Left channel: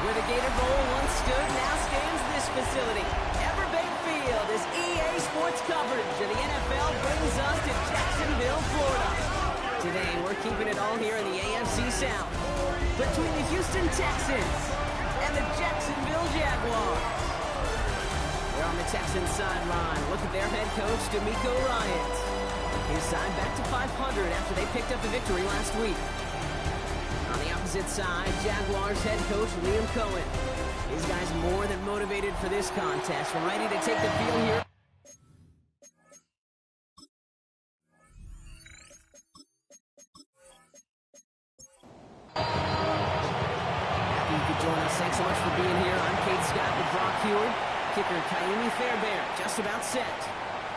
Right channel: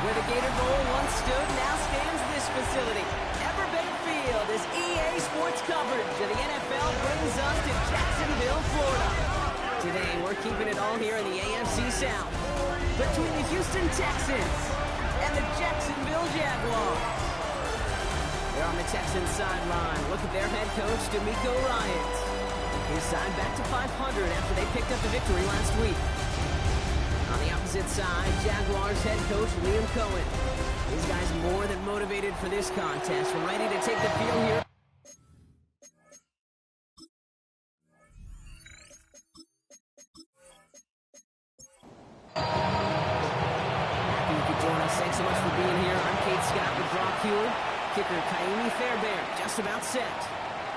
Where the Gator Bowl once stood, now stands this facility. Everbank Field as EA Sports coverage of the NFL brings us to Jacksonville, Florida. Today, we're keeping it all here in the AFC South, between the Houston Texans and the Jacksonville Jaguars. They're on the Texans sideline. Look at their head coach, DeMeco Ryans. His side back to 500 after they picked up the victory last week. On the opposite side, Jaguars head coach Liam Cohen. These guys more than motivated for this contest, ready to take the field here. Happy you could join us. Thanks so much for being here. I'm Kate Scott with Brock Heward. Kicker Kaimi Fairbairn just about set.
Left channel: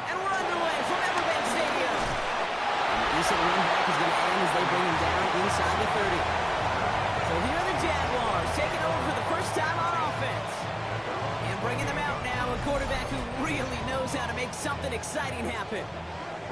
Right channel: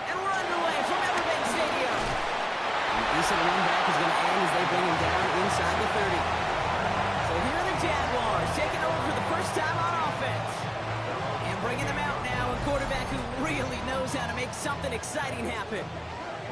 And we're underway from Everbank Stadium. The decent run back is going to end as they bring him down inside the 30. So here are the Jaguars taking over for the first time on offense. And bringing them out now, a quarterback who really knows how to make something exciting happen.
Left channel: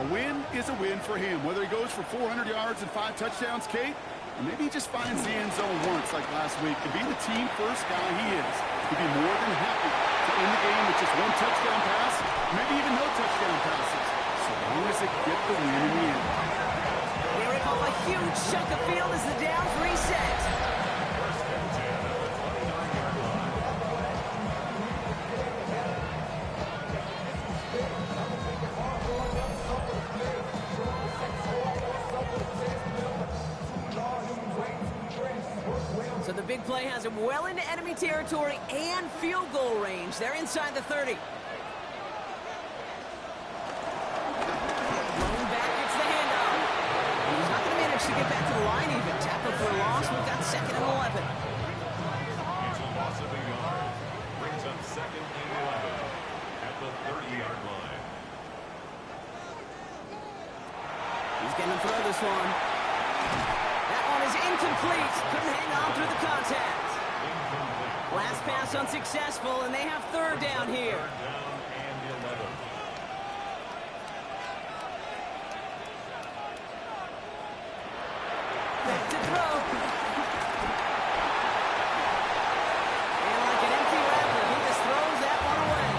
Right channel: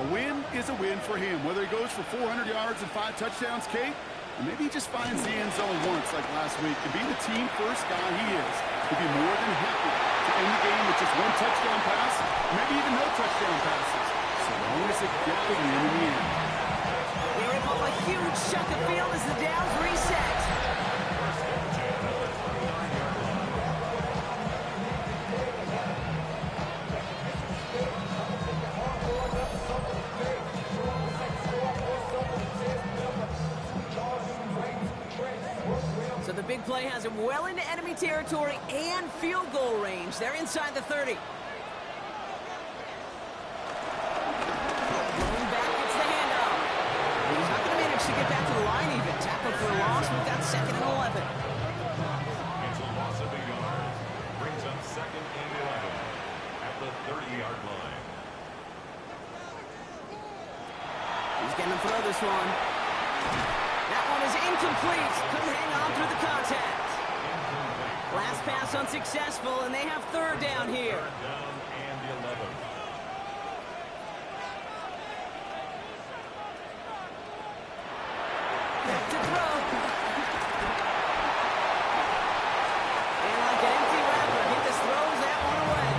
A win is a win for him, whether he goes for 400 yards and 5 touchdowns, Kate, or maybe he just finds the end zone once like last week. And being the team-first guy he is, he'd be more than happy to end the game with just 1 touchdown pass, maybe even no touchdown passes, so long as they get the win in the end. They rip off a huge chunk of field as the downs reset. So the big play has him well into enemy territory and field goal range. They're inside the 30. Lone back gets the handoff. He's not going to manage to get back to the line even. Tackle for a loss. We've got 2nd and 11. It's a loss of 8 yards. Brings up 2nd and 11 at the 30-yard line. He's going to throw this one. That one is incomplete. Couldn't hang on through the contact. Last pass unsuccessful, and they have 3rd down here. 3rd down and 11. Back to throw. And like an empty wrapper, he just throws that one away.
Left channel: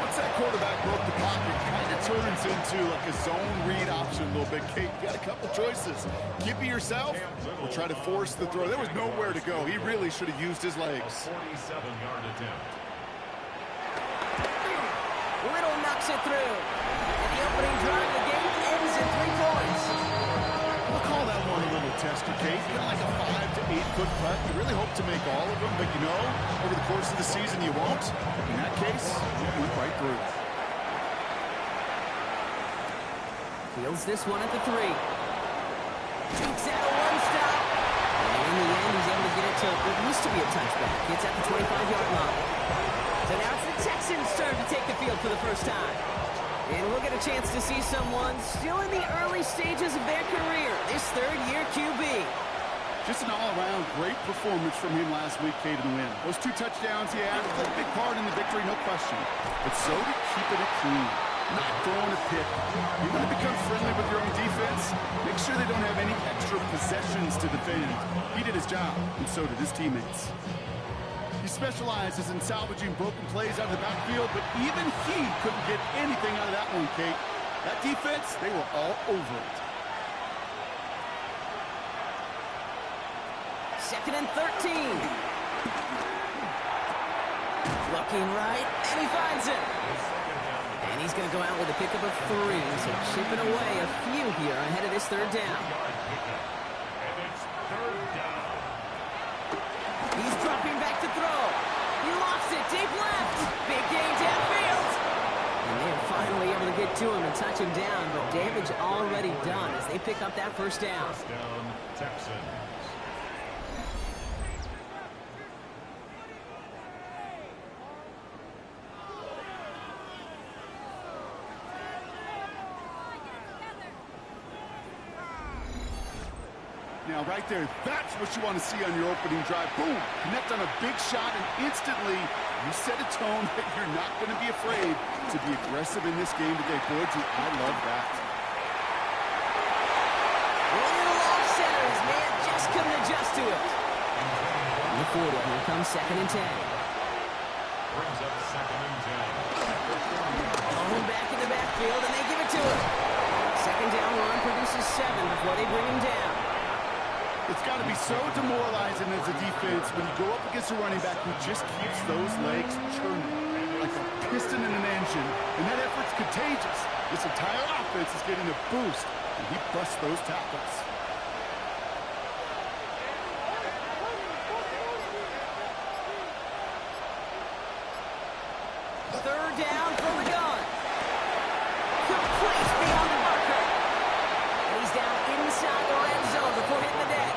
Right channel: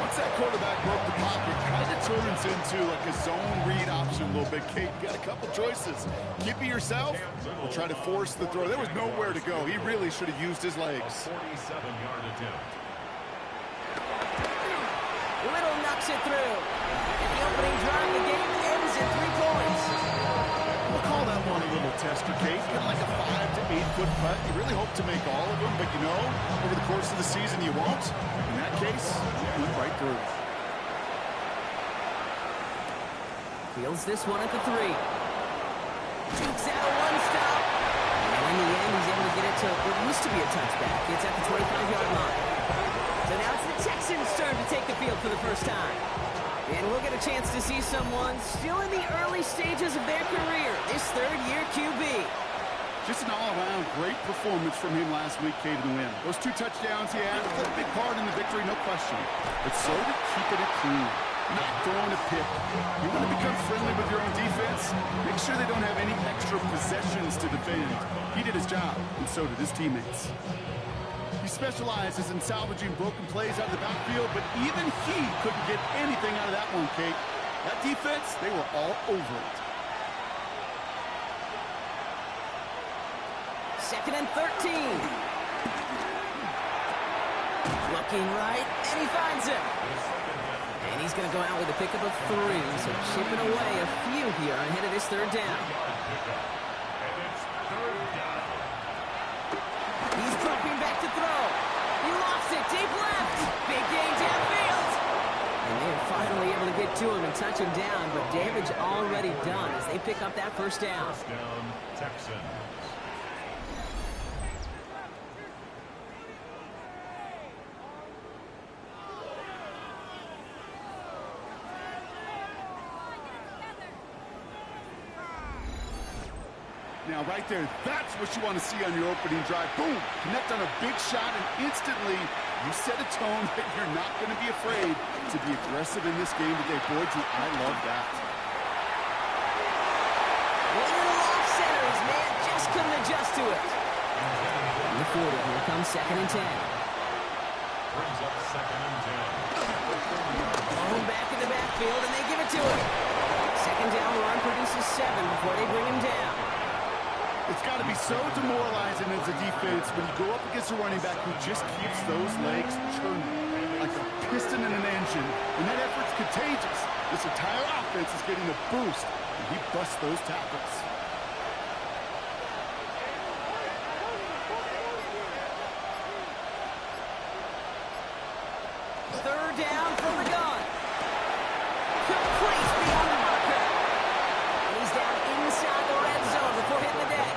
Once that quarterback broke the pocket, kind of turns into like a zone read option a little bit. Kate, you got a couple choices. Keep it yourself or try to force the throw. There was nowhere to go. He really should have used his legs. A 47-yard attempt. Little knocks it through. And the opening drive of the game ends in 3 points. We'll call that one a little tester, Kate. Kind of like a 5 to 8 foot putt. You really hope to make all of them, but you know, over the course of the season you won't. In that case, it went right through. Fields this one at the 3. Jukes out a 1-stop. And in the end, he's able to get it to what used to be a touchback. It's at the 25-yard line. So now it's the Texans' turn to take the field for the first time. And we'll get a chance to see someone still in the early stages of their career, this 3rd-year QB. Just an all-around great performance from him last week, Kate, in the win. Those 2 touchdowns he had played a big part in the victory, no question. But so did keeping it clean, not throwing a pick. You want to become friendly with your own defense? Make sure they don't have any extra possessions to defend. He did his job, and so did his teammates. He specializes in salvaging broken plays out of the backfield, but even he couldn't get anything out of that one, Kate. That defense, they were all over it. 2nd and 13. Looking right, and he finds him. And he's going to go out with a pickup of 3, so chipping away a few here ahead of this 3rd down. And it's 3rd down. He's dropping back to throw. He lofts it deep left. Big gain downfield. And they're finally able to get to him and touch him down, but damage already done as they pick up that 1st down. 1st down, Texans. Now, right there, that's what you want to see on your opening drive. Boom! Connect on a big shot, and instantly you set a tone that you're not going to be afraid to be aggressive in this game today. Boy, do I love that. Little off center, his man just couldn't adjust to it. On the 40, here comes 2nd and 10. Brings up 2nd and 10. Oh, back in the backfield, and they give it to him. 2nd down run produces 7 before they bring him down. It's got to be so demoralizing as a defense when you go up against a running back who just keeps those legs churning like a piston in an engine, and that effort's contagious. This entire offense is getting a boost, and he busts those tackles. Third down from the gun. Complete beyond the marker. And he's down inside the red zone before hitting the deck.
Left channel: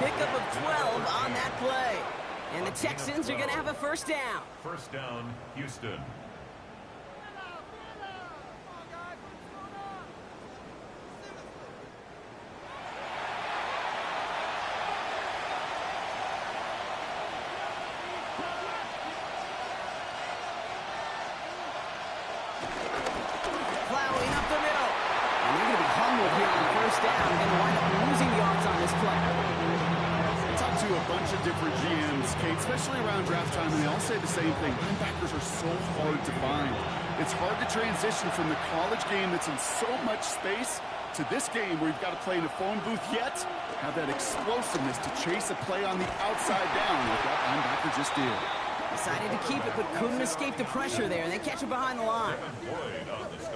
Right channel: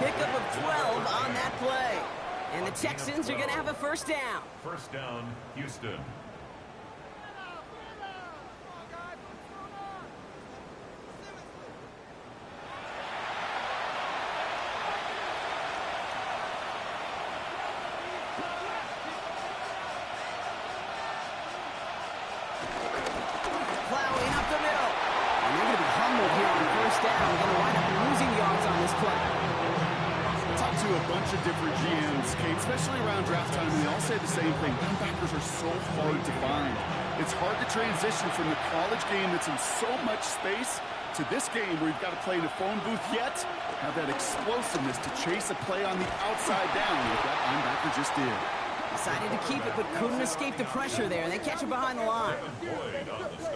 Pickup of 12 on that play. And the Texans are going to have a first down. First down, Houston. Plowing up the middle. And they're going to be humbled here on first down. Going to wind up losing yards on this play. I talked to a bunch of different GMs, Kate, especially around draft time, and they all say the same thing. Linebackers are so hard to find. It's hard to transition from the college game that's in so much space to this game where you've got to play in a phone booth yet have that explosiveness to chase a play on the outside down like that linebacker just did. Decided to keep it, but couldn't escape the pressure there, and they catch it behind the line.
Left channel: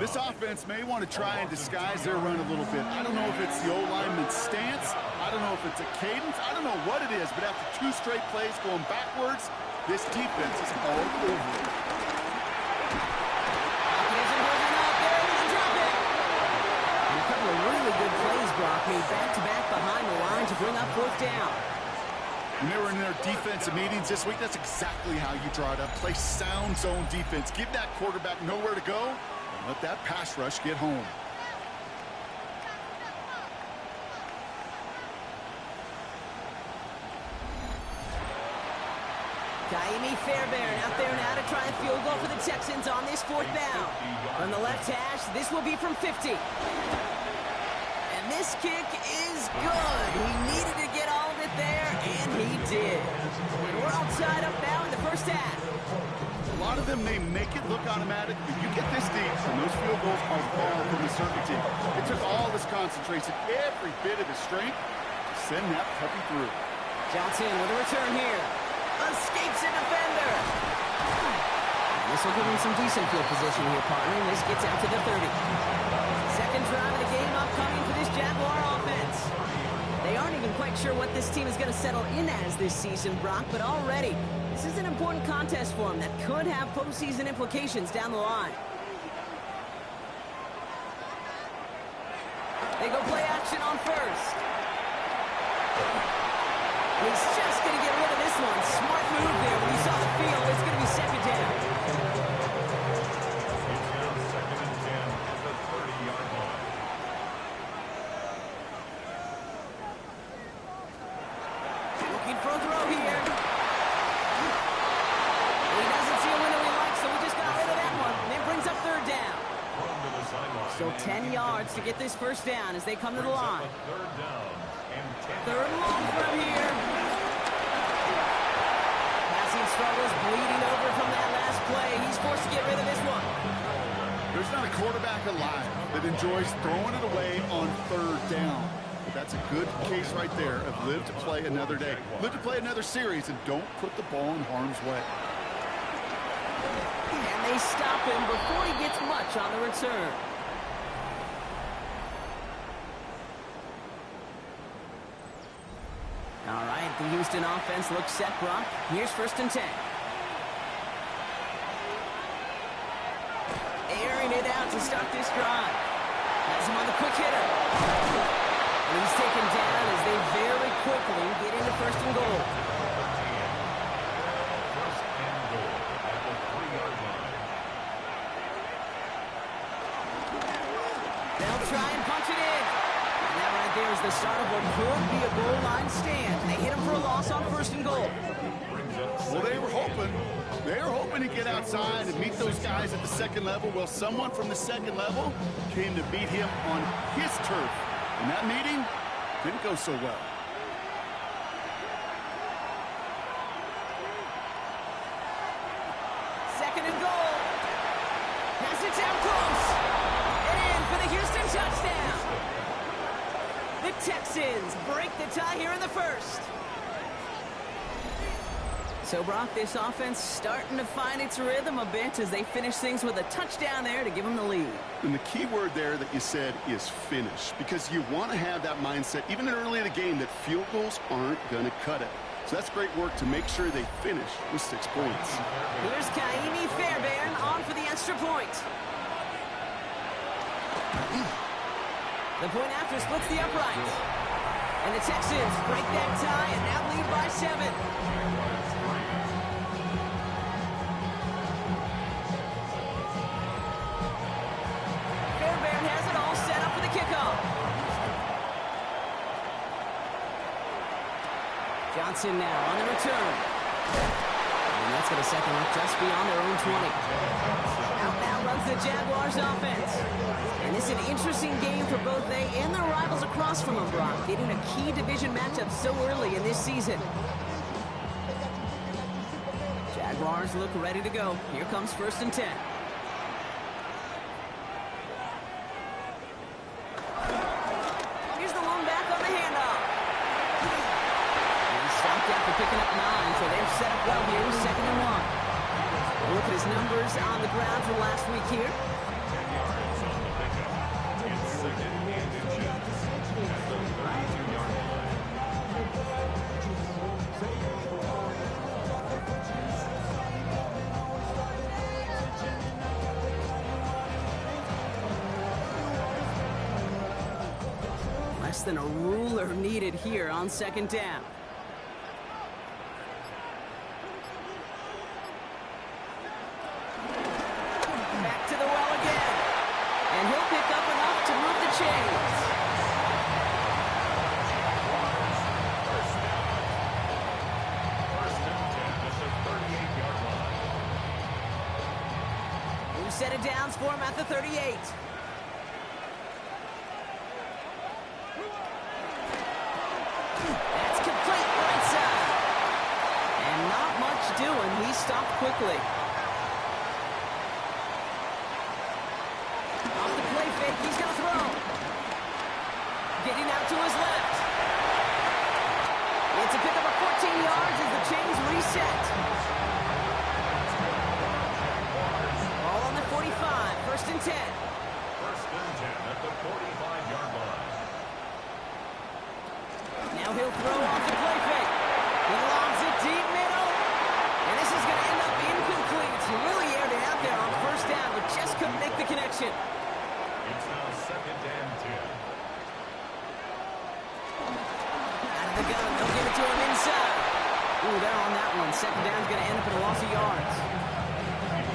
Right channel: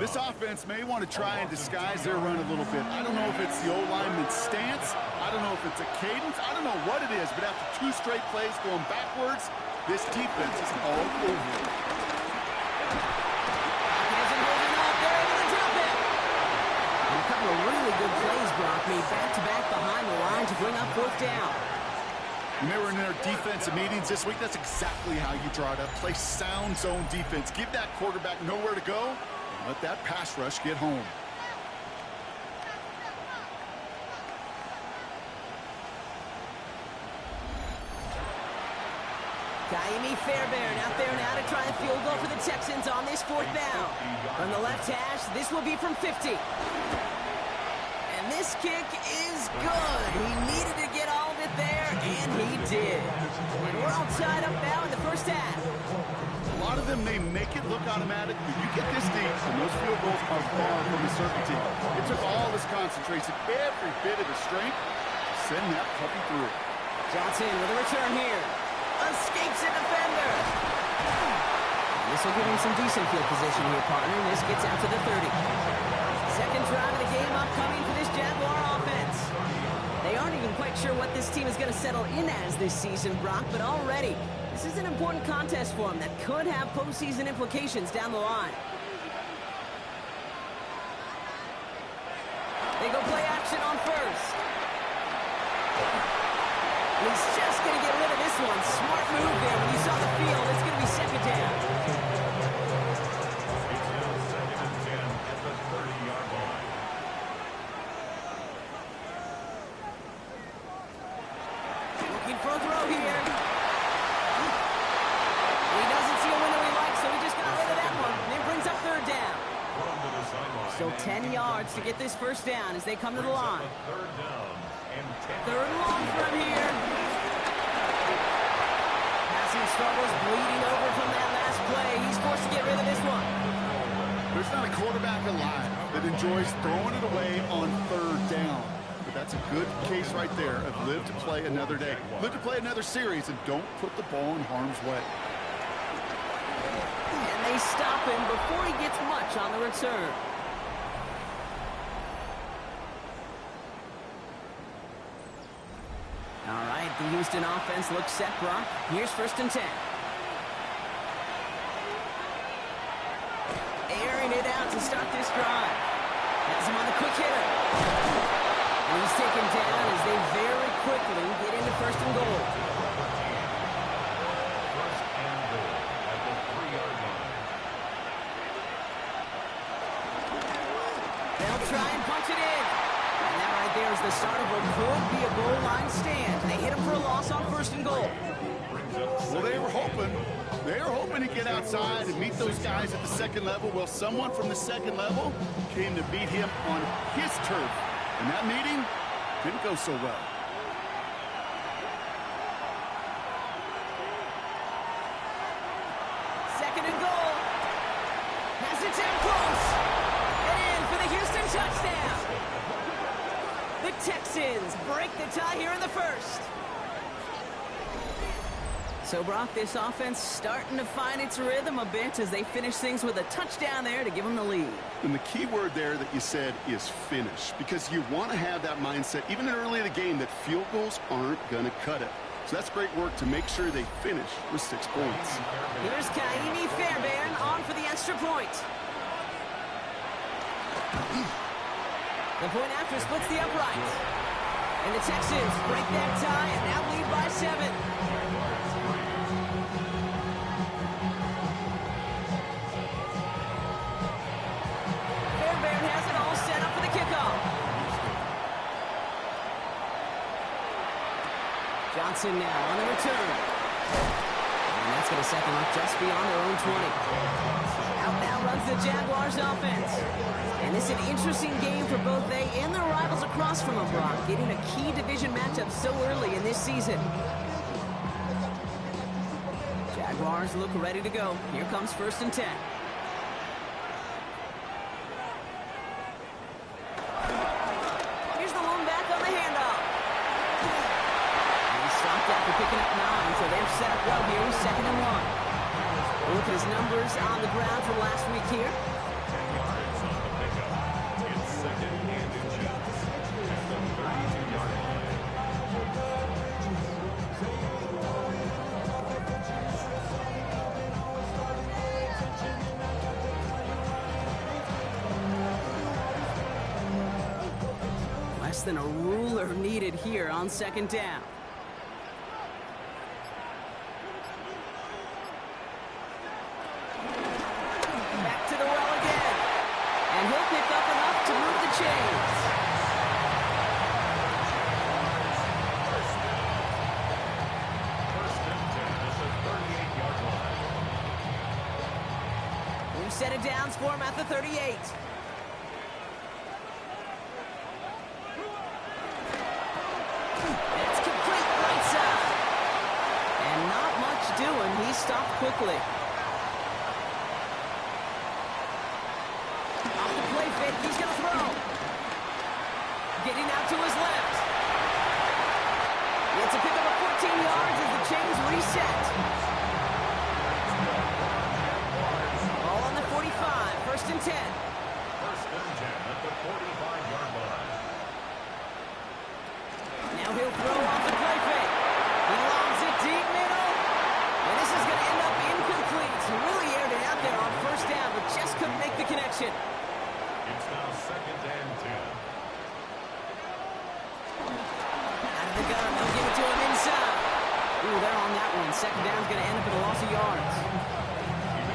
This offense may want to try and disguise their run a little bit. I don't know if it's the O-lineman's stance. I don't know if it's a cadence. I don't know what it is, but after 2 straight plays going backwards, this defense is all over it. Isn't holding up. They're able to drop it. And a couple of really good plays, Brock, made back-to-back behind the line to bring up 4th down. When they were in their defensive meetings this week, that's exactly how you draw it up. Play sound zone defense. Give that quarterback nowhere to go, and let that pass rush get home. Kaimi Fairbairn out there now to try a field goal for the Texans on this 4th down. From the left hash, this will be from 50. And this kick is good. He needed to get all of it there, and he did. And we're all tied up now in the first half. A lot of them may make it look automatic, but you get this deep, and those field goals are far from a certainty. It took all his concentration, every bit of his strength, to send that puppy through. Johnson with a return here. Escapes a defender. And this will give him some decent field position here, partner. And this gets out to the 30. Second drive of the game upcoming for this Jaguar offense. They aren't even quite sure what this team is going to settle in as this season, Brock, but already this is an important contest for them that could have postseason implications down the line. They go play action on first. He's just going to get rid of this one. Smart move there when he saw the field. It's going to be 2nd down. It's now 2nd and 10 at the 30-yard line. Looking for a throw here. He doesn't see a window he likes, so he just got rid of that one. And it brings up 3rd down. Still 10 yards to get this first down as they come to the line. 3rd down and 10. 3rd and long from here. Passing struggles, bleeding over from that last play. He's forced to get rid of this one. There's not a quarterback alive that enjoys throwing it away on 3rd down. But that's a good case right there of live to play another day. Live to play another series, and don't put the ball in harm's way. And they stop him before he gets much on the return. All right, the Houston offense looks set, Brock. Here's 1st and 10. Airing it out to start this drive. Has him on the quick hitter. And he's taken down as they very quickly get into 1st and goal. 1st and goal at the 3-yard line. They'll try and punch it in. And that right there is the start of what could be a goal line stand. They hit him for a loss on 1st and goal. Well, they were hoping to get outside and meet those guys at the 2nd level. Well, someone from the 2nd level came to beat him on his turf. And that meeting didn't go so well. Drives it down close. And in for the Houston touchdown. The Texans break the tie here in the first. So, Brock, this offense starting to find its rhythm a bit as they finish things with a touchdown there to give them the lead. And the key word there that you said is finish, because you want to have that mindset, even early in the game, that field goals aren't going to cut it. So that's great work to make sure they finish with 6 points. Here's Kaimi Fairbairn on for the extra point. The point after splits the upright. And the Texans break that tie and now lead by 7. Fairbairn has it all set up for the kickoff. Johnson now on the return. And that's going to set them up just beyond their own 20. Out now runs the Jaguars offense. And this is an interesting game for both they and their rivals across from them, Brock, getting a key division matchup so early in this season. Jaguars look ready to go. Here comes 1st and 10. Here's the lone back on the handoff. Stopped after picking up 9, so they're set up well here. 2nd and 1. Look at his numbers on the ground from last week here. 10 yards on the pickup. It's 2nd and inches at the 32-yard line. Less than a ruler needed here on 2nd down. And he'll pick up enough to move the chains. Jaguars, 1st down. 1st and 10 at the 38-yard line. New set of downs for him at the 38. That's complete right side. And not much doing. He stopped quickly. Off the play fake, he's going to throw. Getting out to his left. It's a pickup of 14 yards as the chains reset. Ball on the 45, 1st and 10. 1st and 10 at the 45-yard line. Now he'll throw off the play fake. He lobs it deep middle. And this is going to end up incomplete. He really aired it out there on 1st down, but just couldn't make the connection. It's now 2nd and 10. Out of the gun, they'll give it to him inside. Ooh, they're on that one. 2nd down's going to end up in a loss of yards.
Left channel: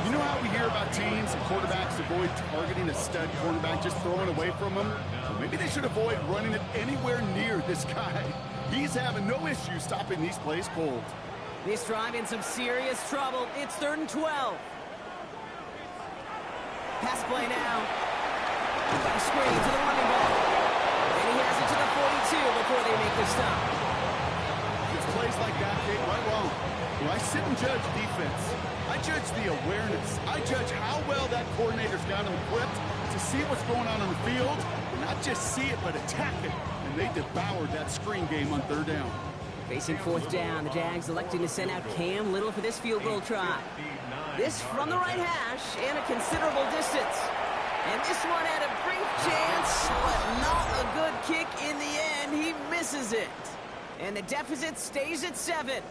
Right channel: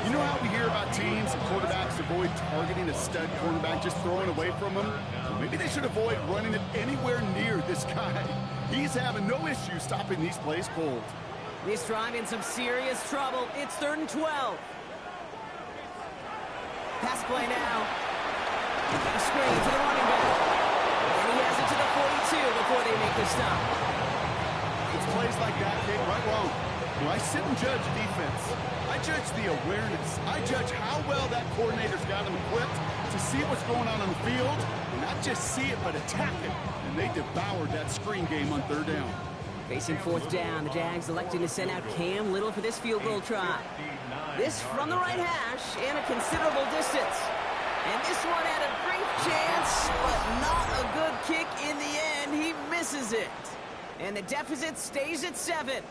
You know how we hear about teams and quarterbacks avoid targeting a stud cornerback, just throwing away from him? Well, maybe they should avoid running it anywhere near this guy. He's having no issue stopping these plays cold. This drive in some serious trouble. It's 3rd and 12. Pass play now. Got a screen to the running back. And he has it to the 42 before they make the stop. It's plays like that, Kate, right wrong. When I sit and judge defense, I judge the awareness. I judge how well that coordinator's got him equipped to see what's going on the field, and not just see it, but attack it. And they devoured that screen game on 3rd down. Facing 4th down, the Jags electing to send out Cam Little for this field goal try. This from the right hash and a considerable distance. And this one had a brief chance, but not a good kick in the end. He misses it. And the deficit stays at 7.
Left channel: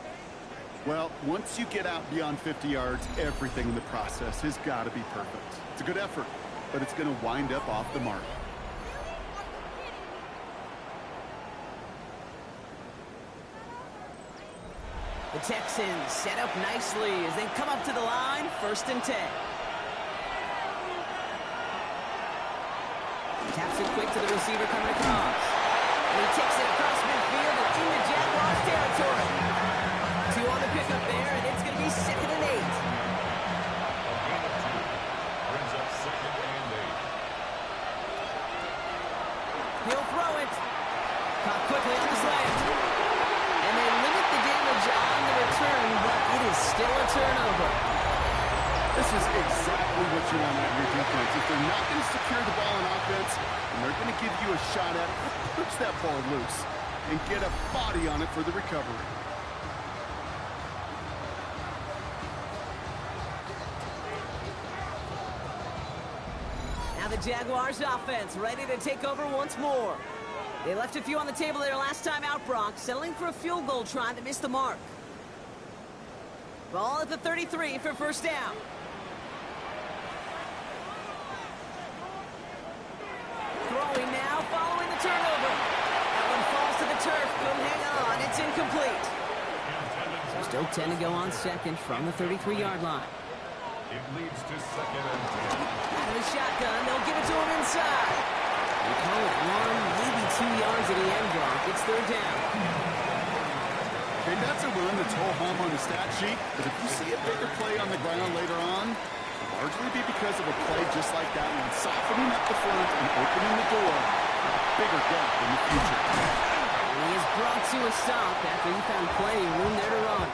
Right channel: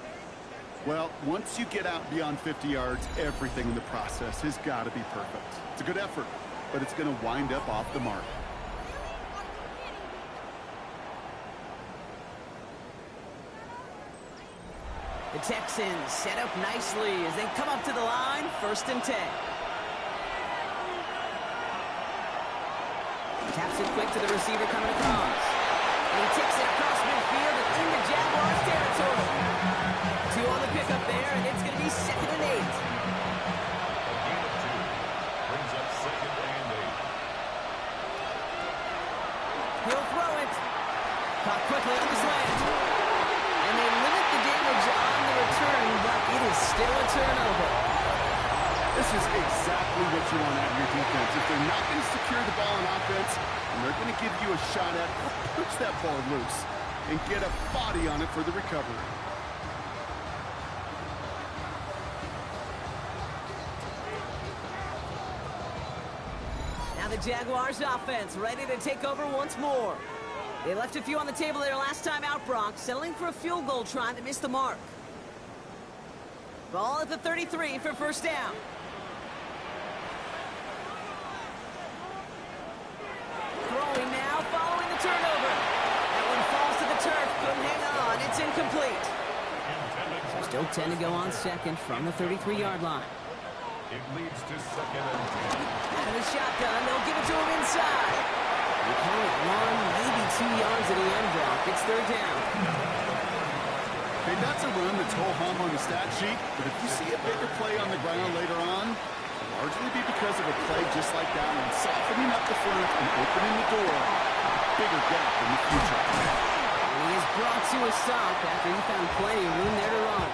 Well, once you get out beyond 50 yards, everything in the process has got to be perfect. It's a good effort, but it's going to wind up off the mark. The Texans set up nicely as they come up to the line, 1st and 10. Taps it quick to the receiver coming across. And he takes it across midfield and into Jaguars territory. 2 on the pickup there, and it's going to be 2nd and 8. A gain of 2 brings up 2nd and 8. He'll throw it. Caught quickly on the slant. And they limit the damage on the return, but it is still a turnover. This is exactly what you want out of your defense. If they're not going to secure the ball on offense, and they're going to give you a shot at, push that ball loose and get a body on it for the recovery. Now the Jaguars offense ready to take over once more. They left a few on the table there last time out, Brock, settling for a field goal try that missed the mark. Ball at the 33 for first down. Throwing now, following the turnover. That one falls to the turf, couldn't hang on, it's incomplete. So still 10 to go on second from the 33-yard line. It leads to second and 10. Out of the shotgun, they'll give it to him inside. They call it 1, maybe 2 yards at the end, Brock. It's third down. Okay, that's a run that's ho-hum on the stat sheet, but if you see a bigger play on the ground later on, it'll largely be because of a play just like that one, softening up the front and opening the door for a bigger gap in the future. And he is brought to a stop after he found plenty of room there to run.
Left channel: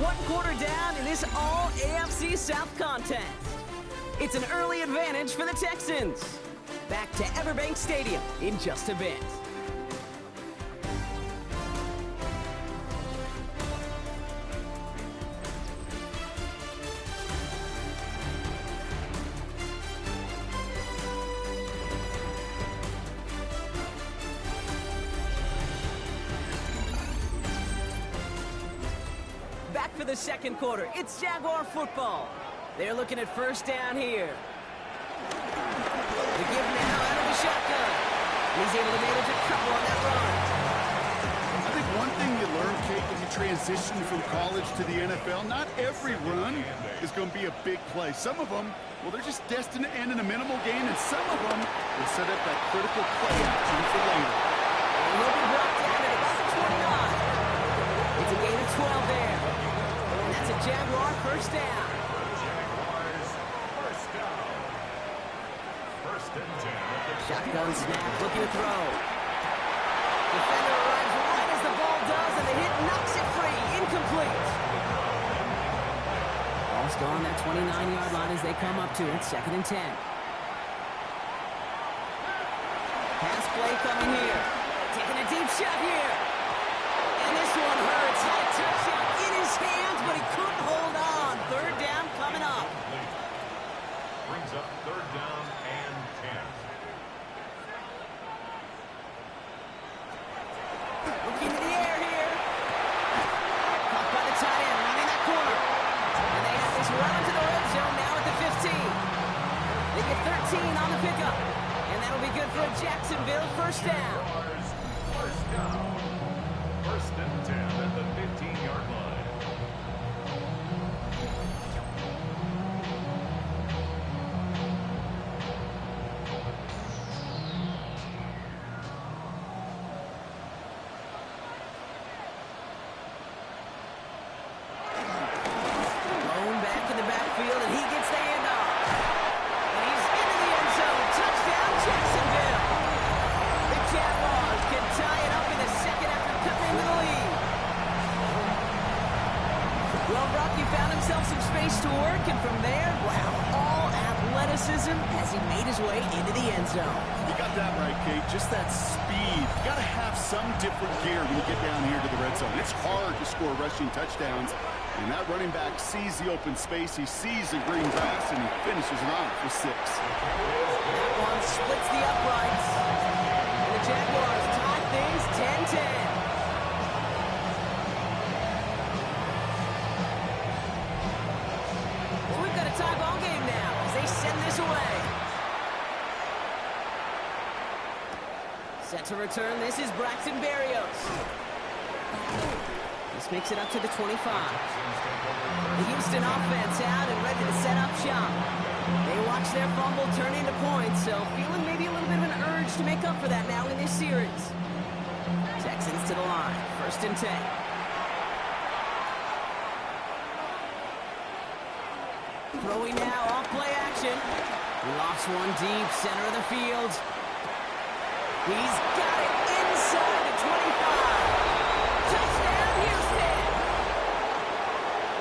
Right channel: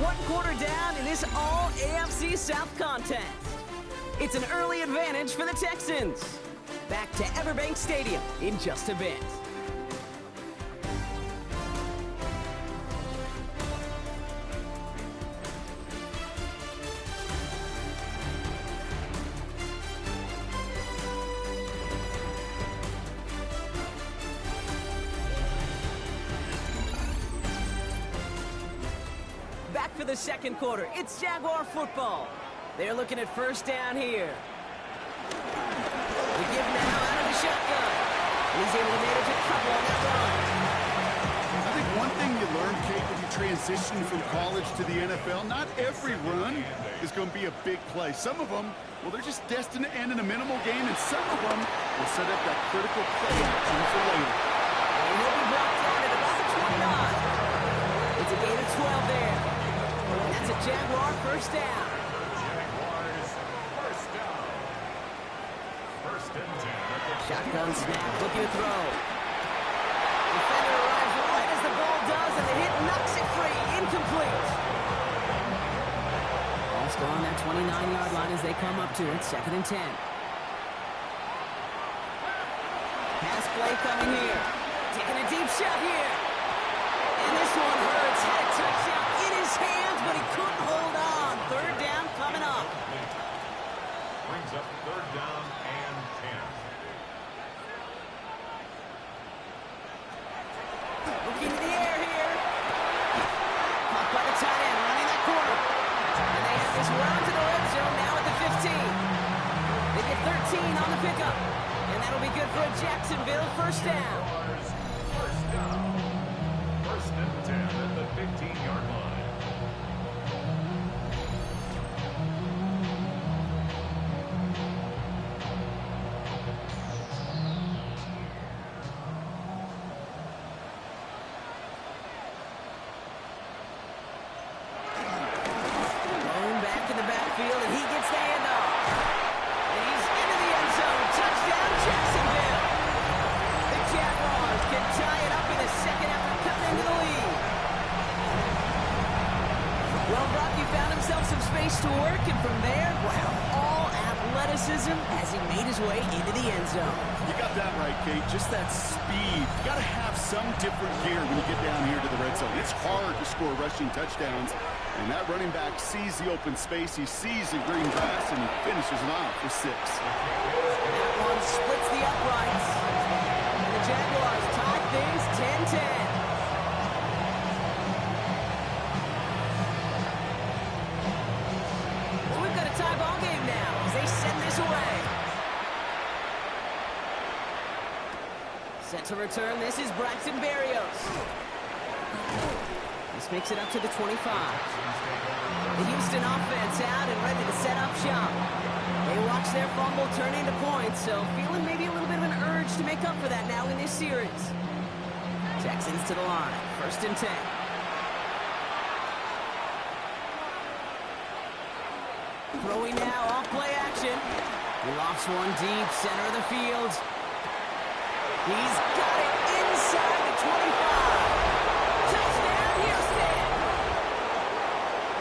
1 quarter down in this all-AFC South contest. It's an early advantage for the Texans. Back to Everbank Stadium in just a bit. Back for the second quarter. It's Jaguar football. They're looking at first down here. The give now out of the shotgun. And he's able to manage a couple on that run. I think one thing you learn, Kate, when you transition from college to the NFL, not every run is going to be a big play. Some of them, well, they're just destined to end in a minimal gain, and some of them will set up that critical play action for later. And he'll be brought down at about the 29. It's a gain of 12 there. And that's a Jaguar first down. Jaguars first down. First and 10. Shotgun snap, looking to throw. Defender arrives right as the ball does, and the hit knocks it free. Incomplete. Ball still on that 29-yard line as they come up to it. Second and 10. Pass play coming here. Taking a deep shot here. And this one hurts. Had a touchdown in his hands, but he couldn't hold on. Third down coming up. Brings up third down and 10. Looking to the air here. Caught by the tight end, running that corner. And they have this run to the red zone now at the 15. They get 13 on the pickup. And that'll be good for a Jacksonville first down. First down. First and 10 at the 15-yard line. Blown back in the backfield, and he gets the handoff. And he's into the end zone. Touchdown, Jacksonville. The Jaguars can tie it up in the second after cutting into the lead. Well, Brock, he found himself some space to work, and from there, wow, all athleticism as he made his way into the end zone. You got that right, Kate. Just that speed. You got to have some different gear when you get down here to the red zone. It's hard to score rushing touchdowns. And that running back sees the open space. He sees the green grass, and he finishes it off with 6. That one splits the uprights. And the Jaguars tie things 10-10. So we've got a tie ball game now as they send this away. Set to return, this is Braxton Berrios. This makes it up to the 25. The Houston offense out and ready to set up shop. They watch their fumble turn into points, so feeling maybe a little bit of an urge to make up for that now in this series. Texans to the line, first and 10. Throwing now, off play action. He lofts one deep, center of the field. He's got it inside the 25. Touchdown, Houston!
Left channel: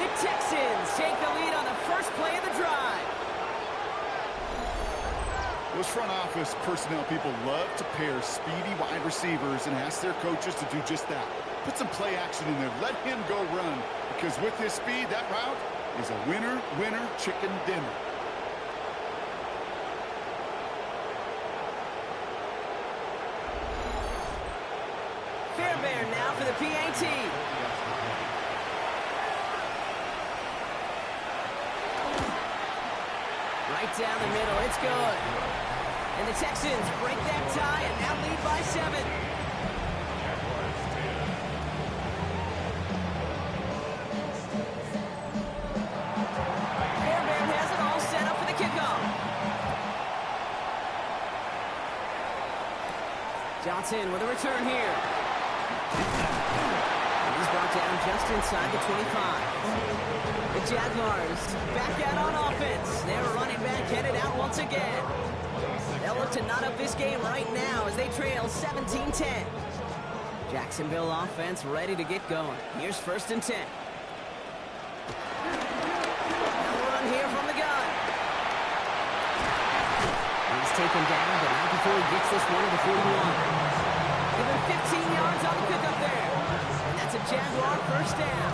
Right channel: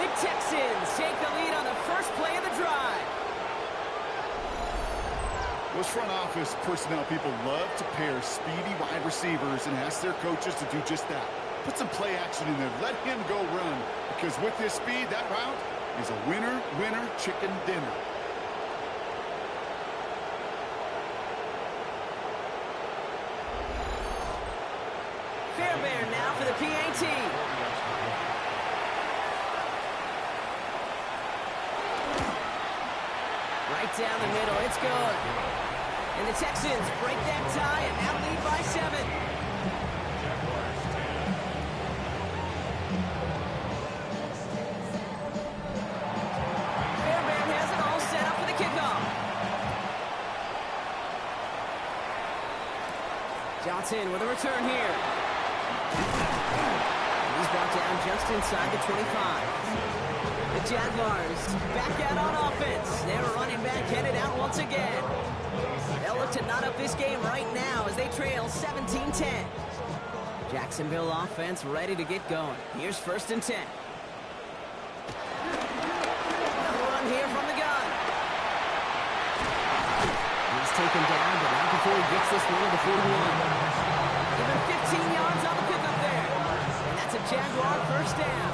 The Texans take the lead on the first play of the drive. Those front office personnel people love to pair speedy wide receivers and ask their coaches to do just that. Put some play action in there. Let him go run. Because with his speed, that route is a winner, winner, chicken dinner. Fairbairn now for the PAT. Right down the middle, it's good. And the Texans break that tie and now lead by 7. Jaguars 10. Fairbairn has it all set up for the kickoff. Johnson with a return here. And he's brought down just inside the 25. The Jaguars back out on offense. They're running back headed out once again. They'll look to knot up this game right now as they trail 17-10. Jacksonville offense ready to get going. Here's 1st and 10. They'll run here from the gun. He's taken down, but not before he gets this one to the 41. Given 15 yards on the pickup there. And that's a Jaguar first down.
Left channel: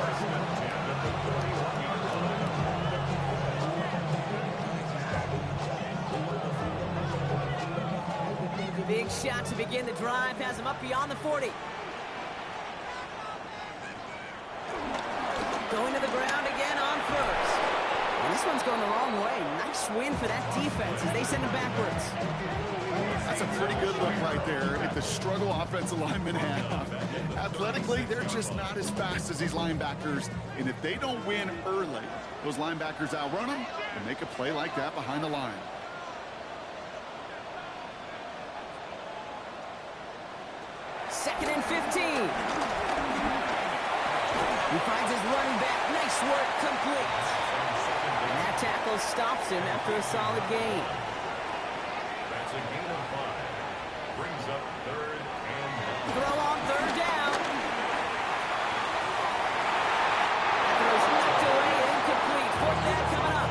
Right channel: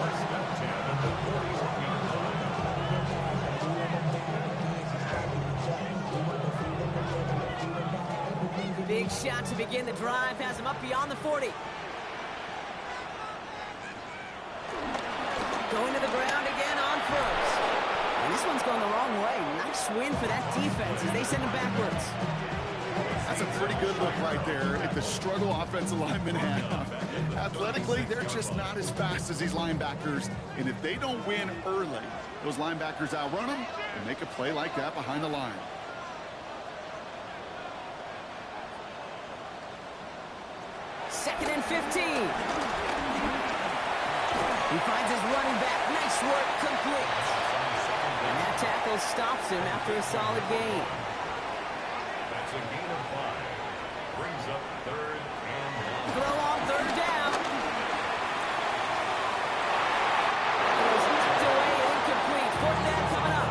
1st and 10 at the 41-yard line. Big shot to begin the drive. Has him up beyond the 40. Going to the ground again on first. And this one's going the wrong way. Nice win for that defense as they send him backwards. That's a pretty good look right there at the struggle offensive linemen have. Athletically, they're just not as fast as these linebackers. And if they don't win early, those linebackers outrun them and make a play like that behind the line. Second and 15. He finds his running back. Nice work, complete. And that tackle stops him after a solid gain. That's a gain of 5. Brings up 3rd and 9. Throw on 3rd down. That throw's knocked away and incomplete. 4th down coming up.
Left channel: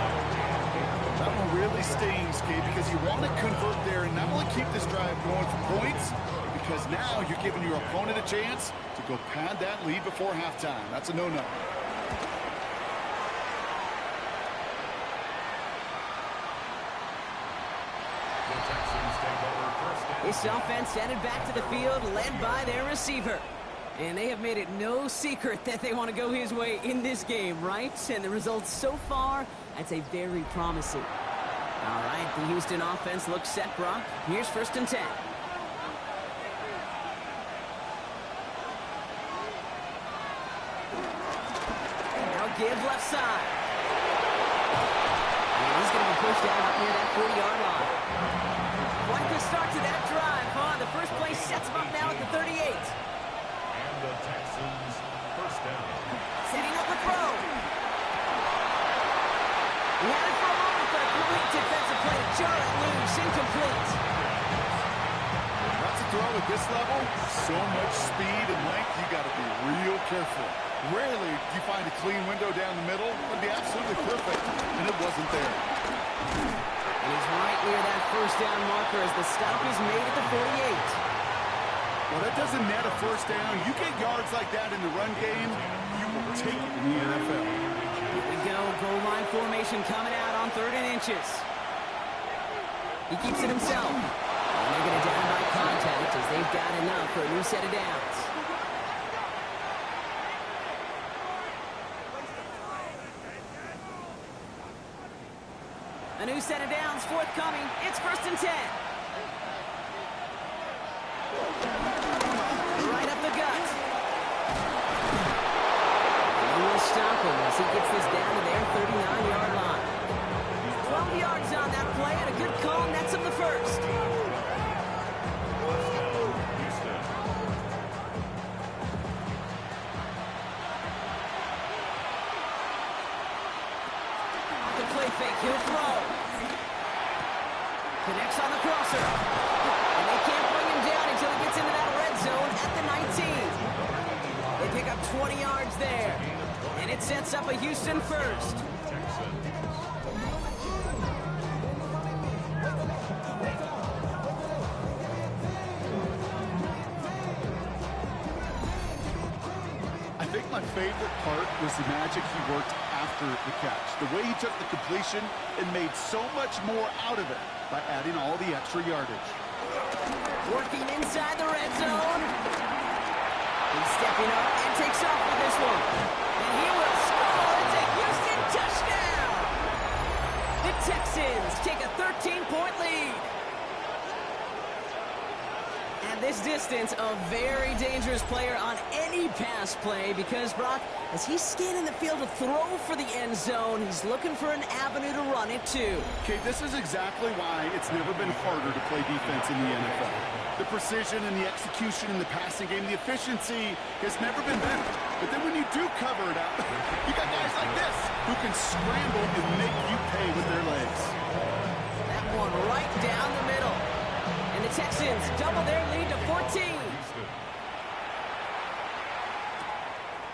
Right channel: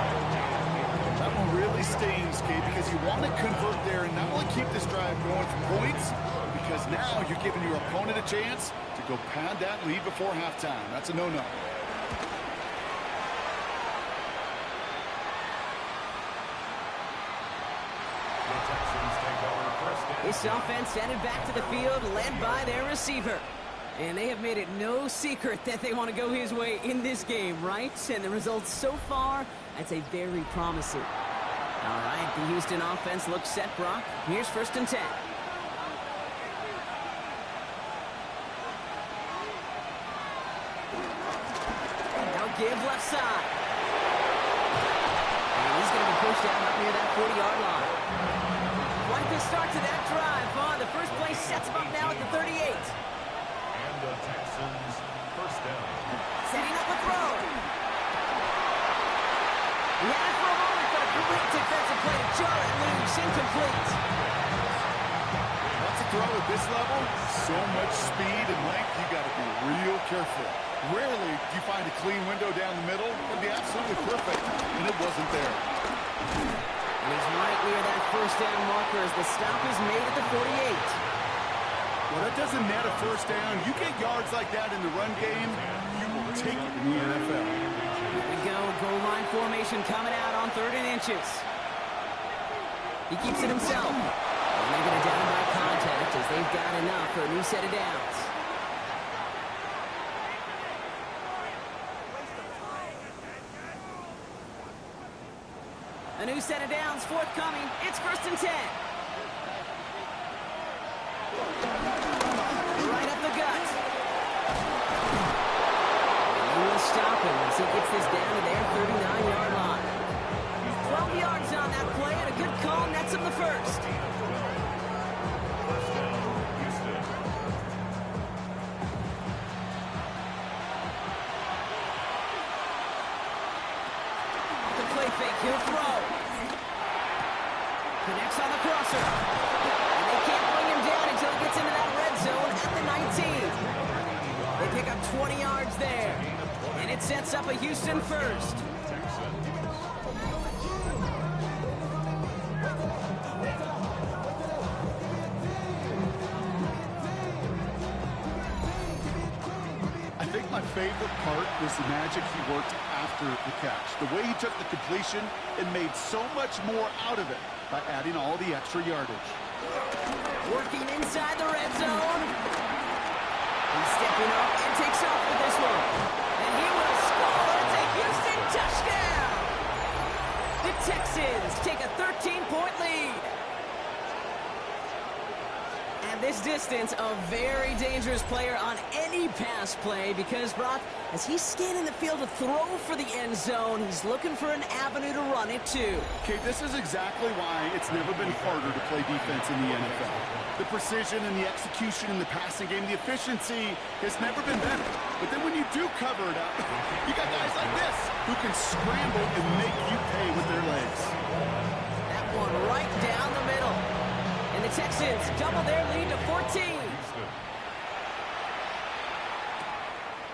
That one really stings, Kate, because you want to convert there and not only keep this drive going for points, because now you're giving your opponent a chance to go pad that lead before halftime. That's a no-no. The Texans take over 1st and This offense headed back to the field, led by their receiver. And they have made it no secret that they want to go his way in this game, right? And the results so far, I'd say very promising. All right, the Houston offense looks set, Brock. Here's 1st and 10. Now give left side. And he's going to be pushed down up near that 40-yard line. Quite the start to that drive, huh? The first play sets him up now at the 38. And the Texans 1st down. Setting up a throw. He had it for a moment, but a great defensive play to jar it loose. Incomplete. That's a throw at this level. So much speed and length, you got to be real careful. Rarely do you find a clean window down the middle. It would be absolutely perfect, and it wasn't there. And he's right near that 1st down marker as the stop is made at the 48. Well, that doesn't net a 1st down. You get yards like that in the run game, you will take it in the NFL. Here we go. Goal line formation coming out on 3rd and inches. He keeps it himself. And they're going to down by contact as they've got enough for a new set of downs. A new set of downs forthcoming. It's 1st and 10. Right up the gut. And they will stop him as he gets this down to their 39-yard line. 12 yards on that play and a good call nets him the 1st. 1st down, Houston. Off the play fake, he'll throw. Connects on the crosser. And they can't bring him down until he gets into that red zone at the 19. They pick up 20 yards there. And it sets up a Houston first. Texans. I think my favorite part was the magic he worked after the catch. The way he took the completion and made so much more out of it by adding all the extra yardage. Working inside the red zone. He's stepping up and takes off with this one. And he will score. It's a Houston touchdown. The Texans take a 13-point lead. At this distance, a very dangerous player on any pass play because, Brock, as he's scanning the field to throw for the end zone, he's looking for an avenue to run it to. Okay, this is exactly why it's never been harder to play defense in the NFL. The precision and the execution in the passing game, the efficiency has never been better. But then when you do cover it up, you got guys like this who can scramble and make you pay with their legs. That one right down the middle. And the Texans double their lead to 14.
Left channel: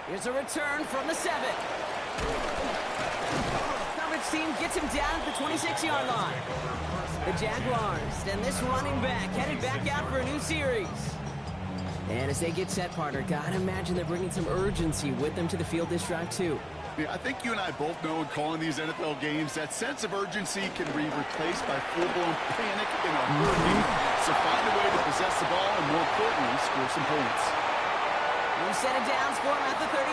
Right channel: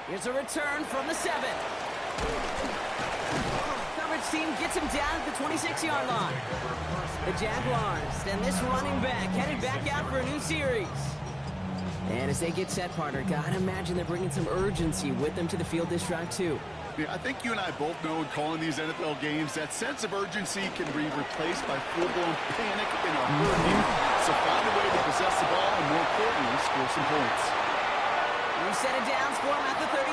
Here's a return from the 7. Coverage team gets him down at the 26-yard line. The Jaguars and this running back headed back out for a new series. And as they get set, partner, gotta imagine they're bringing some urgency with them to the field this drive too. Yeah, I think you and I both know in calling these NFL games that sense of urgency can be replaced by full-blown panic in a hurry. So find a way to possess the ball and, more importantly, score some points. We set it down for him at the 38.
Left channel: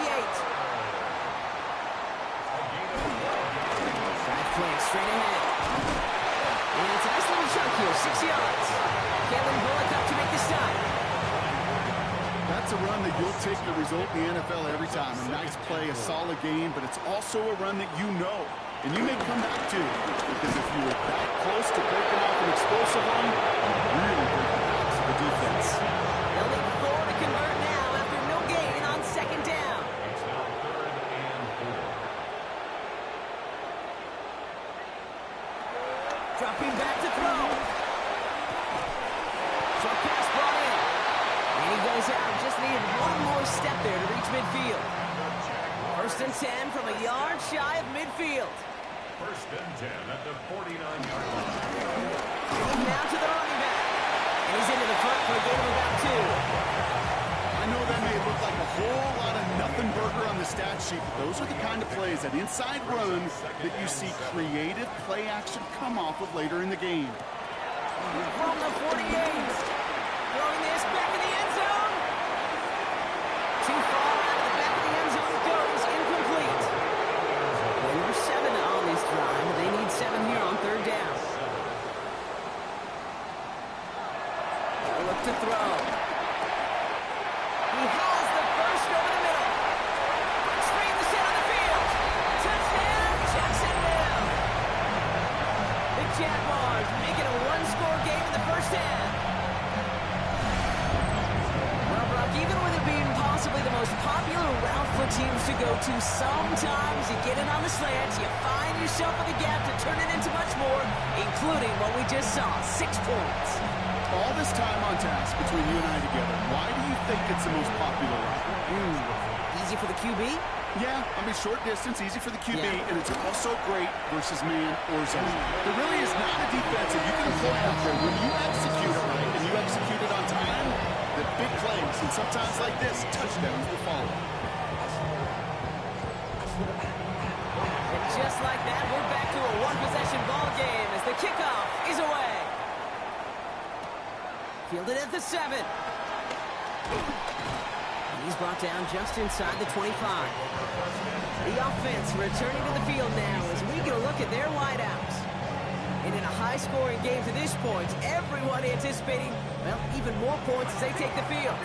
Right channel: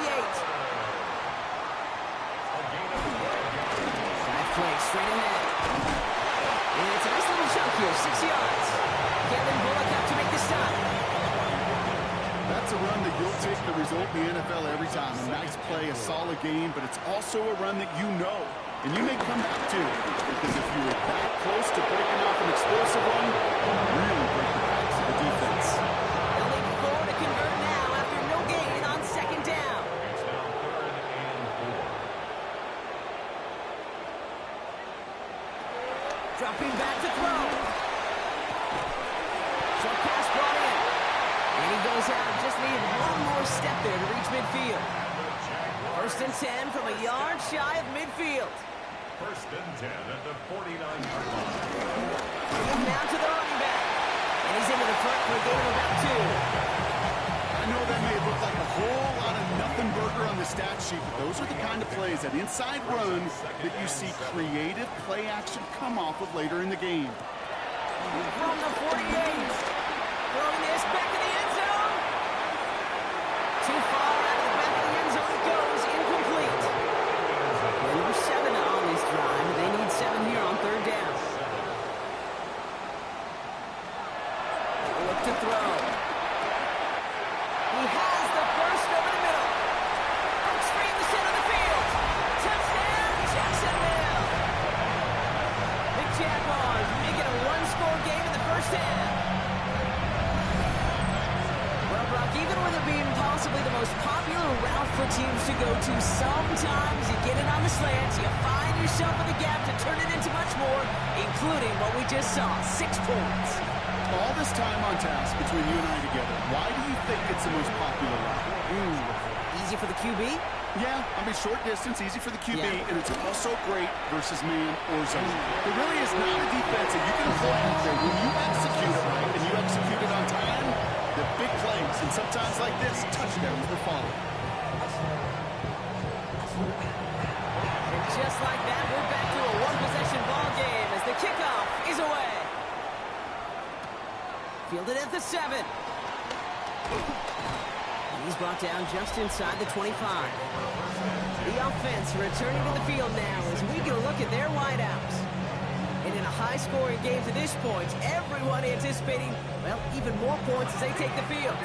Dive play straight ahead. And it's a nice little chunk here, 6 yards. Kalen Bullock up to make the stop. That's a run that you'll take the result in the NFL every time. A nice play, a solid game, but it's also a run that you know. And you may come back to, because if you were that close to breaking off an explosive run, you'll really break the backs of the defense. They'll need 4 to convert now after no gain on second down. It's now 3rd and 4. Dropping back to throw. Short pass brought in. And he goes out. Just needed one more step there to reach midfield. 1st and 10 from a yard shy of midfield. 1st and 10 at the 49-yard line. Now to the running back. And he's into the front for a gain of about 2. I know that may look like a whole lot of nothing burger on the stat sheet, but those are the kind of plays, that inside run, that you see creative play action come off of later in the game. From the 48. Throwing this back in the end zone. Too far out of the back of the end zone it goes. Incomplete. They were 7 on this drive. They need 7 here on 3rd down. They'll look to throw. He has the first over the middle. Breaks free in the center of the field. Touchdown, Jacksonville. The Jaguars make it a 1-score game in the first half. Well, Brock, even with it being possibly the most popular route for teams to go to, sometimes you get it on the slants, you find yourself in the gap to turn it into much more, including what we just saw, 6 points. All this time on task between you and I together, why do you think it's the most popular route? Easy for the QB? Yeah, I mean, short distance, easy for the QB, Yeah. and it's also great versus man or zone. There really is not a defense that you can employ out there when you execute it right and you execute it on time, the big plays, and sometimes like this, touchdowns will follow. And just like that, we're back to a 1-possession ball game as the kickoff is away. Fielded at the 7. He's brought down just inside the 25. The offense returning to the field now as we get a look at their wideouts. And in a high-scoring game to this point, everyone anticipating, well, even more points as they take the field.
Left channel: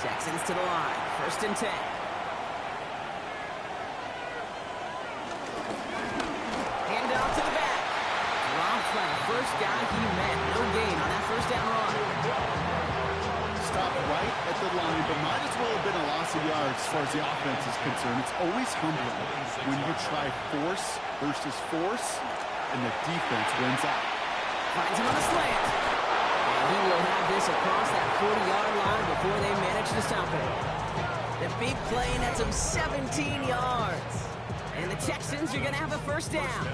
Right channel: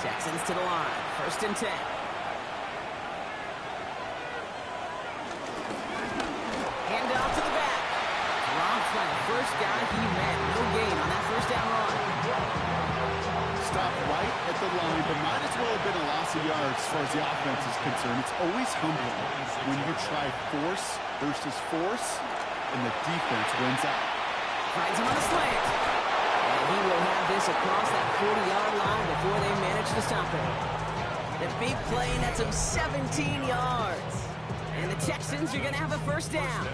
Texans to the line, 1st and 10. Hand off to the back. Dropped by the first guy he met. No gain on that 1st down run. Stopped right at the line, but might as well have been a loss of yards as far as the offense is concerned. It's always humbling when you try force versus force, and the defense wins out. Finds him on the slant. And he will have this across that 40-yard line before they manage to stop him. The big play nets him 17 yards. And the Texans are going to have a first down.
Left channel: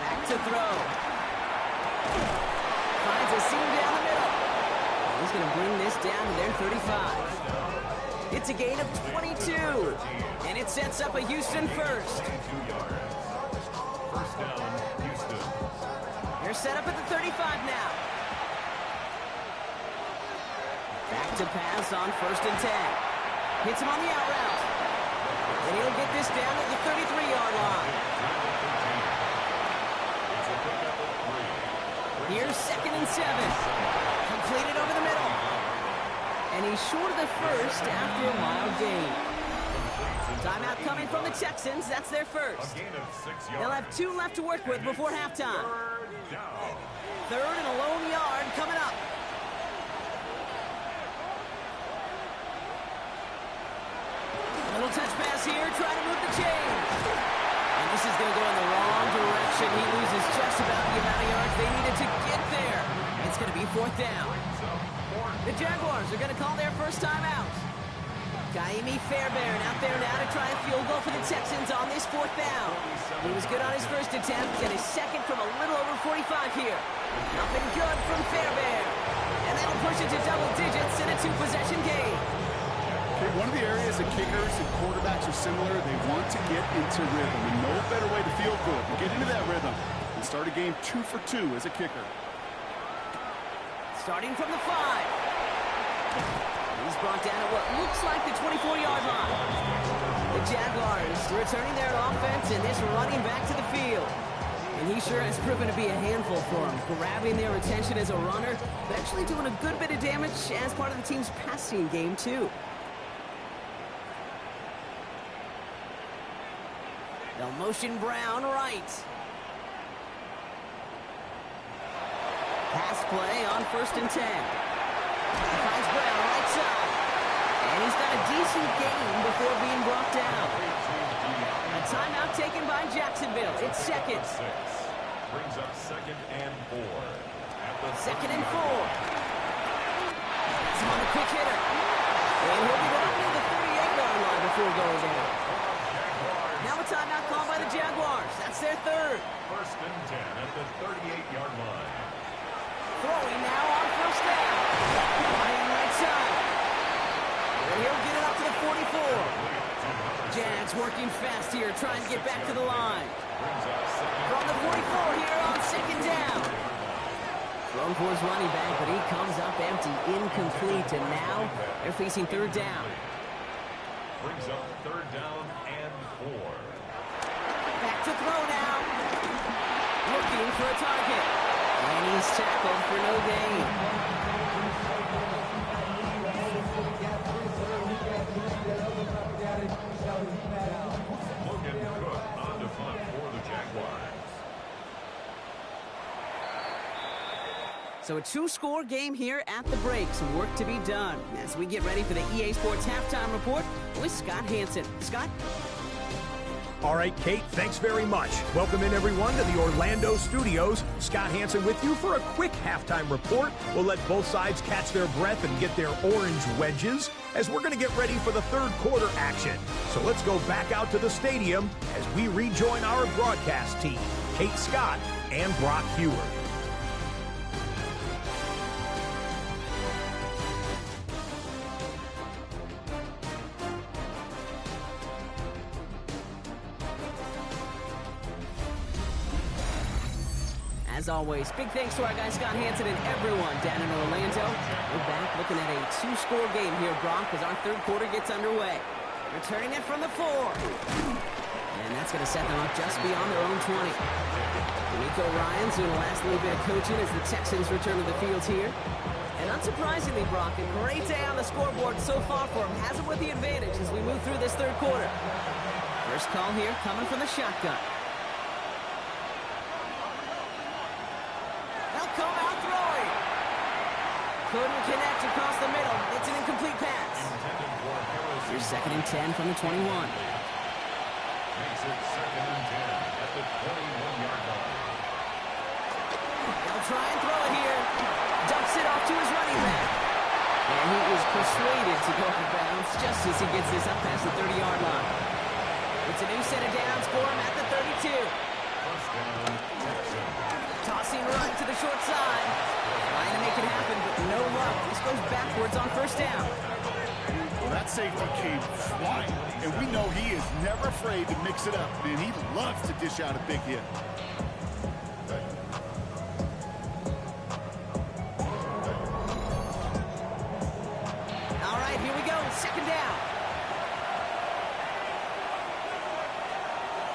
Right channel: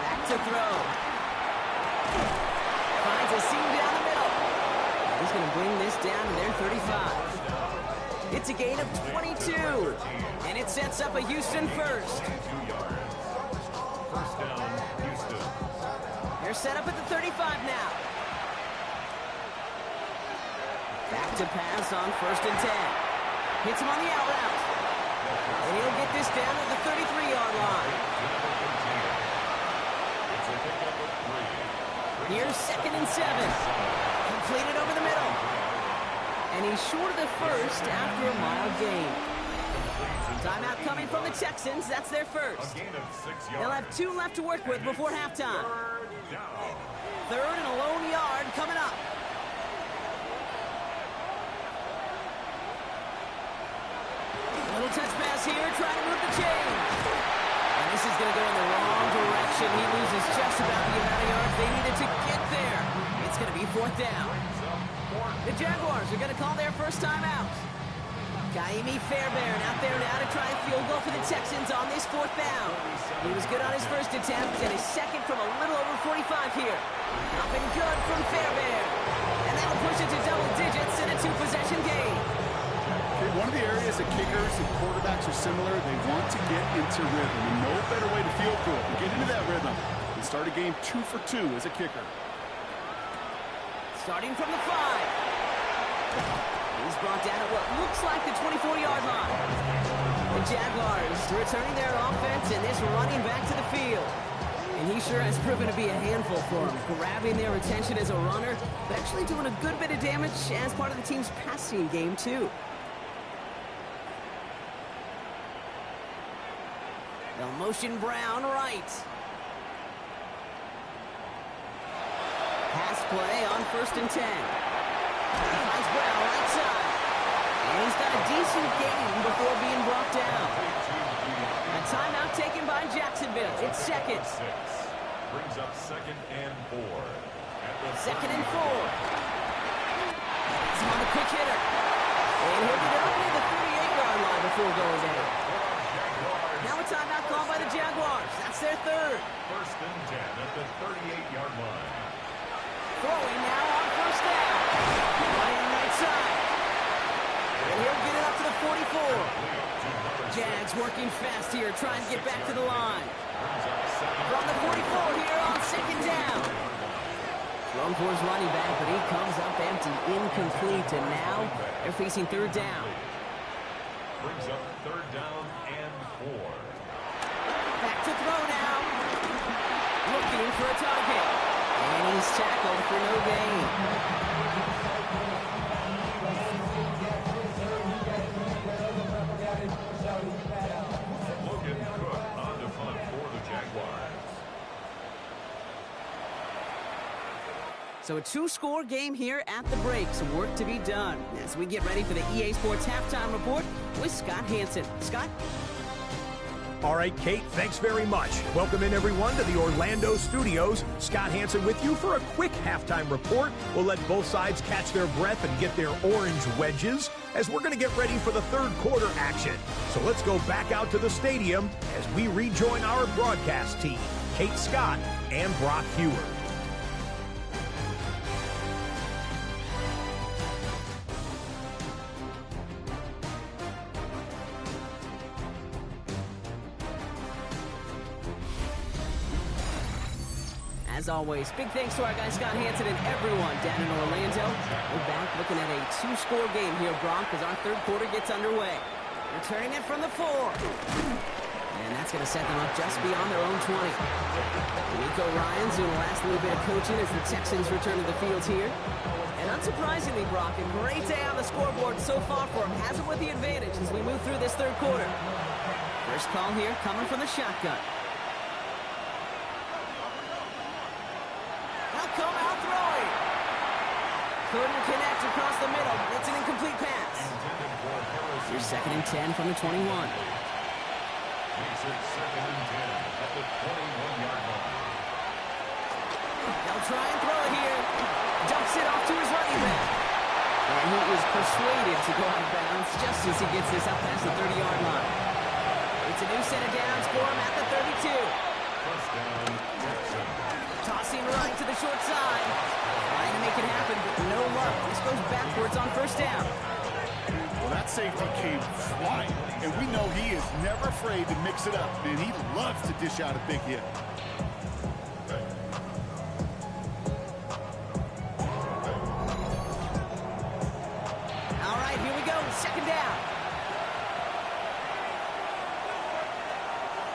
Back to throw. Finds a seam down the middle. And he's going to bring this down to their 35. It's a gain of 22. And it sets up a Houston first. First down, Houston. They're set up at the 35 now. Back to pass on 1st and 10. Hits him on the out route. And he'll get this down at the 33-yard line. It's a pickup of 3. Here's 2nd and 7. Completed over the middle. And he's short of the first after a mild gain. Timeout coming from the Texans. That's their first. A gain of 6 yards. They'll have 2 left to work with before halftime. Third down. 3rd and a lone yard coming up. A little touch pass here, trying to move the chains. And this is going to go in the wrong direction. He loses just about the amount of yards they needed to get there. It's going to be 4th down. The Jaguars are going to call their first time out. Kaimi Fairbairn out there now to try a field goal for the Texans on this 4th down. He was good on his first attempt and his second from a little over 45 here. Up and good from Fairbairn. And that'll push it to double digits in a 2-possession game. Okay, one of the areas that kickers and quarterbacks are similar, they want to get into rhythm. And no better way to field goal than get into that rhythm and start a game 2 for 2 as a kicker. Starting from the 5. He's brought down at what looks like the 24-yard line. The Jaguars returning their offense and this running back to the field. And he sure has proven to be a handful for them, grabbing their attention as a runner, but actually doing a good bit of damage as part of the team's passing game, too. They'll motion Brown right. Pass play on 1st and 10. He finds Brown right side. And he's got a decent gain before being brought down. A timeout taken by Jacksonville. It's 2nd. Brings up 2nd and 4. At the 2nd and 4. He's on the quick hitter. And he'll get it up near the 38-yard line before going down. Now a timeout called by the Jaguars. That's their 3rd. 1st and 10 at the 38-yard line. Throwing now on 1st down. Running right side. And he'll get it up to the 44. Jags working fast here, trying to get back to the line. From the 44 here on 2nd down. Thrown for his running back, but he comes up empty, incomplete, and now they're facing 3rd down. Brings up 3rd down and 4. Back to throw now. Looking for a target. And he's tackled for no gain. Logan Cook on to punt for the Jaguars. So a 2-score game here at the break. Some work to be done as we get ready for the EA Sports Halftime Report with Scott Hansen. Scott? All right, Kate, thanks very much. Welcome in, everyone, to the Orlando studios. Scott Hansen with you for a quick halftime report. We'll let both sides catch their breath and get their orange wedges as we're going to get ready for the 3rd quarter action. So let's go back out to the stadium as we rejoin our broadcast team, Kate Scott and Brock Heward. As always, big thanks to our guy Scott Hansen and everyone down in Orlando. We're back looking at a 2-score game here, Brock, as our 3rd quarter gets underway. Returning it from the 4. And that's going to set them up just beyond their own 20. D'Amico Ryans doing the last little bit of coaching as the Texans return to the field here. And unsurprisingly, Brock, a great day on the scoreboard so far for him. Has him with the advantage as we move through this 3rd quarter. First call here coming from the shotgun. Come out throwing. Couldn't connect across the middle. It's an incomplete pass. Here's 2nd and 10 from the 21. Makes it 2nd and 10 at the 21-yard line. They'll try and throw it here. Dumps it off to his running back. And he is persuaded to go out of bounds just as he gets this up past the 30-yard line. It's a new set of downs for him at the 32. First down, Texans. Tossing right to the short side. Trying to make it happen, but no luck. This goes backwards on first down. Well, that safety came flying, and we know he is never afraid to mix it up. Man, he loves to dish out a big hit. All right, here we go. 2nd down.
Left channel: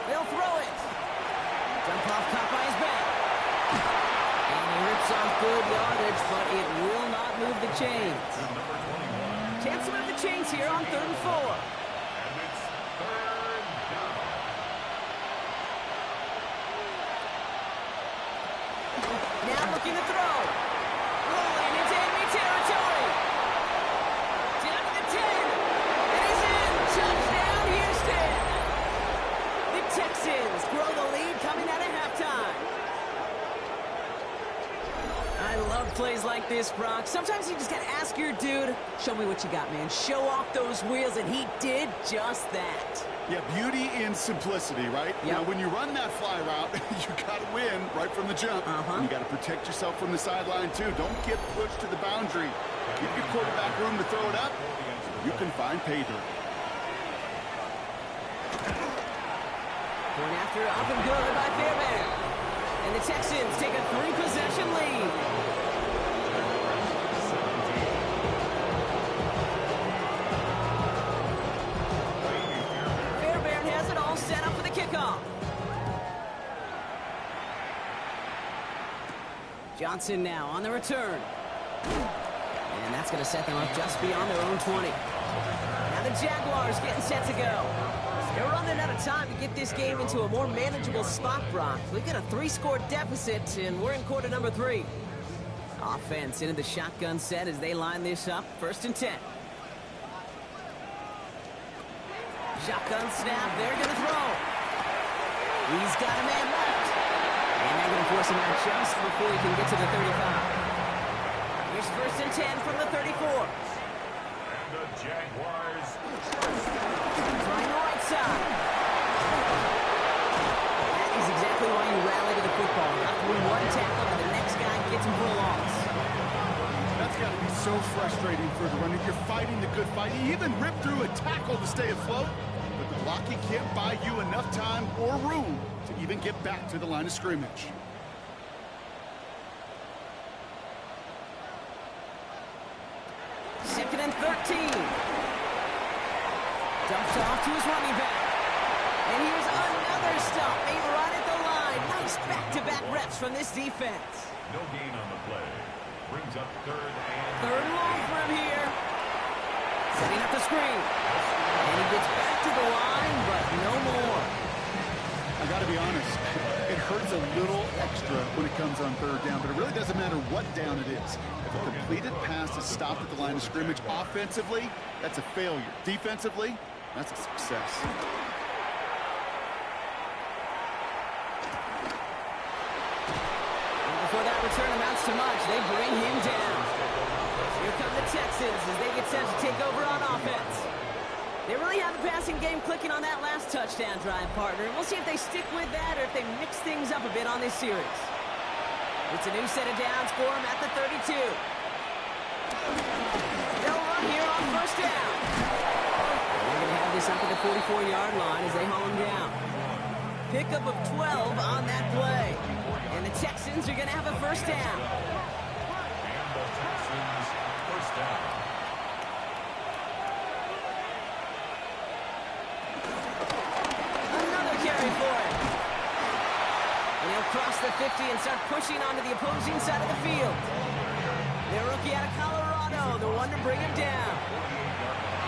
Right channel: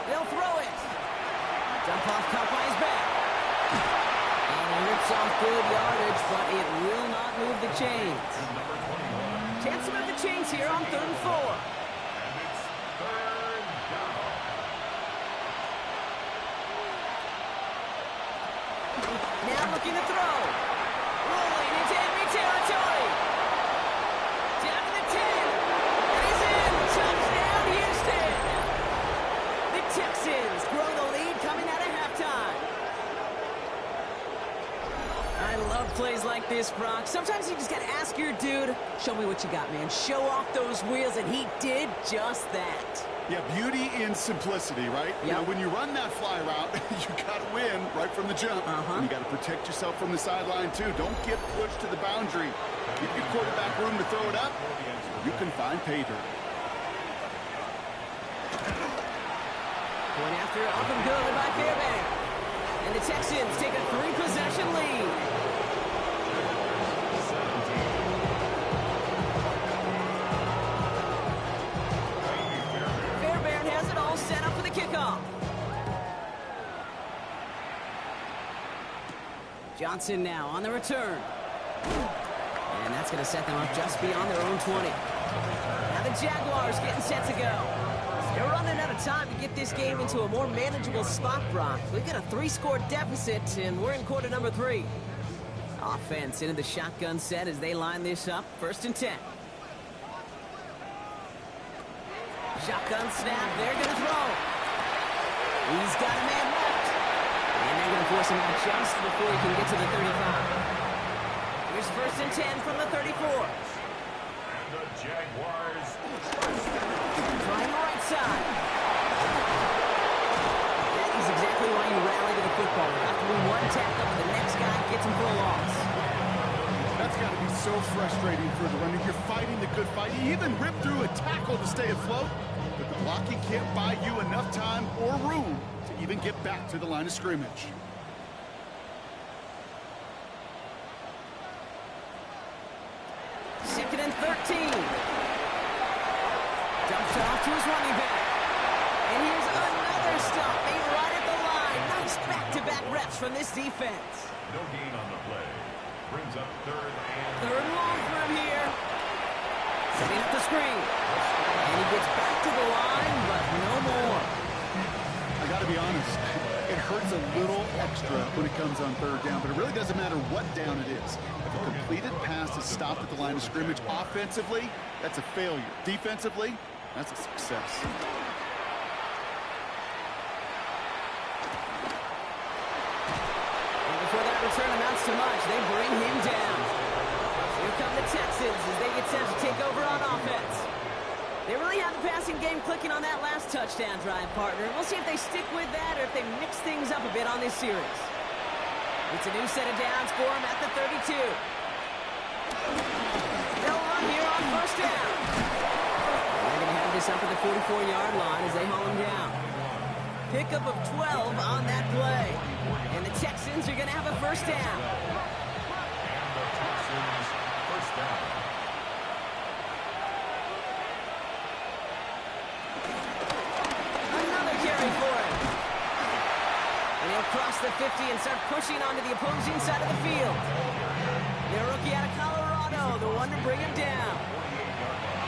They'll throw it. Dump off, caught by his back. And he rips off good yardage, but it will not move the chains. Number 21. Chance to move the chains here on 3rd and 4. And it's 3rd down. Now looking to throw. Rolling into enemy territory. Down to the 10. And he's in. Touchdown, Houston. The Texans grow the lead coming out of halftime. I love plays like this, Brock. Sometimes you just got to ask your dude, show me what you got, man. Show off those wheels, and he did just that. Yeah, beauty in simplicity, right? Yep. Now, when you run that fly route, you got to win right from the jump. And you got to protect yourself from the sideline, too. Don't get pushed to the boundary. Give your quarterback room to throw it up. You can find pay dirt. Point after, up and good by Fairbairn. And the Texans take a 3-possession lead. Jaguars 17. Fairbairn has it all set up for the kickoff. Johnson now on the return. And that's going to set them up just beyond their own 20. Now the Jaguars getting set to go. They're running out of time to get this game into a more manageable spot, Brock. We've got a 3-score deficit, and we're in quarter number 3. Offense into the shotgun set as they line this up. 1st and 10. Shotgun snap. They're going to throw. He's got a man left. And they're going to force him out just before he can get to the 35. Here's 1st and 10 from the 34. The Jaguars. Trying the right side. That is exactly why you rally to the football. Got through one tackle, but the next guy gets him for a loss. That's got to be so frustrating for the runner. You're fighting the good fight. You even ripped through a tackle to stay afloat, but the blocking can't buy you enough time or room to even get back to the line of scrimmage. Second and 13. Dumps off to his running back. And here's another stop made right at the line. Nice back-to-back reps from this defense. No gain on the play. Brings up 3rd and 3rd and long for him here. Setting up the screen. And he gets back to the line, but no more. I got to be honest, it hurts a little extra when it comes on 3rd down, but it really doesn't matter what down it is. If a completed pass is stopped at the line of scrimmage offensively, that's a failure. Defensively, that's a success. And before that return amounts to much, they bring him down. Here come the Texans as they get set to take over on offense. They really have the passing game clicking on that last touchdown drive, partner. We'll see if they stick with that or if they mix things up a bit on this series. It's a new set of downs for them at the 32. They'll run here on 1st down. And they're going to have this up at the 44-yard line as they haul him down. Pickup of 12 on that play. And the Texans are going to have a 1st down. And the Texans 1st down. Carry for him. And he'll cross the 50 and start pushing onto the opposing side of the field. Their rookie out of Colorado, the one to bring him down.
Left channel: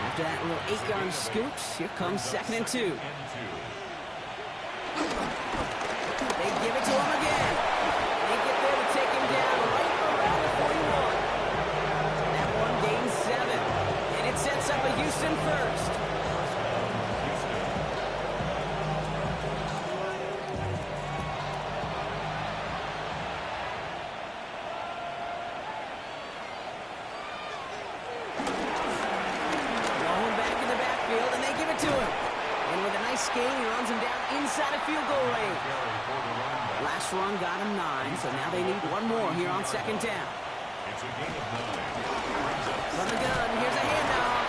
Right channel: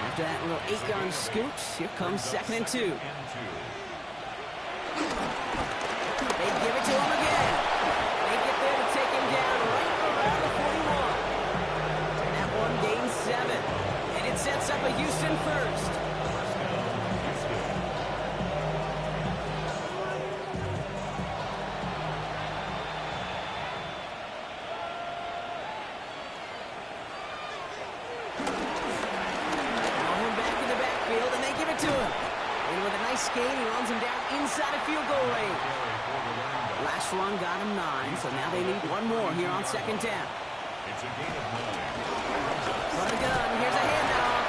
After that little 8-yard scoot, here comes 2nd and 2. They give it to him again. They get there to take him down right around the 41. And that one gains 7. And it sets up a Houston 1st. they give it to him. And with a nice skate, he runs him down inside of field goal range. Last run got him 9, so now they need one more here on second down. It's a gain of 9. From the gun, here's a handoff.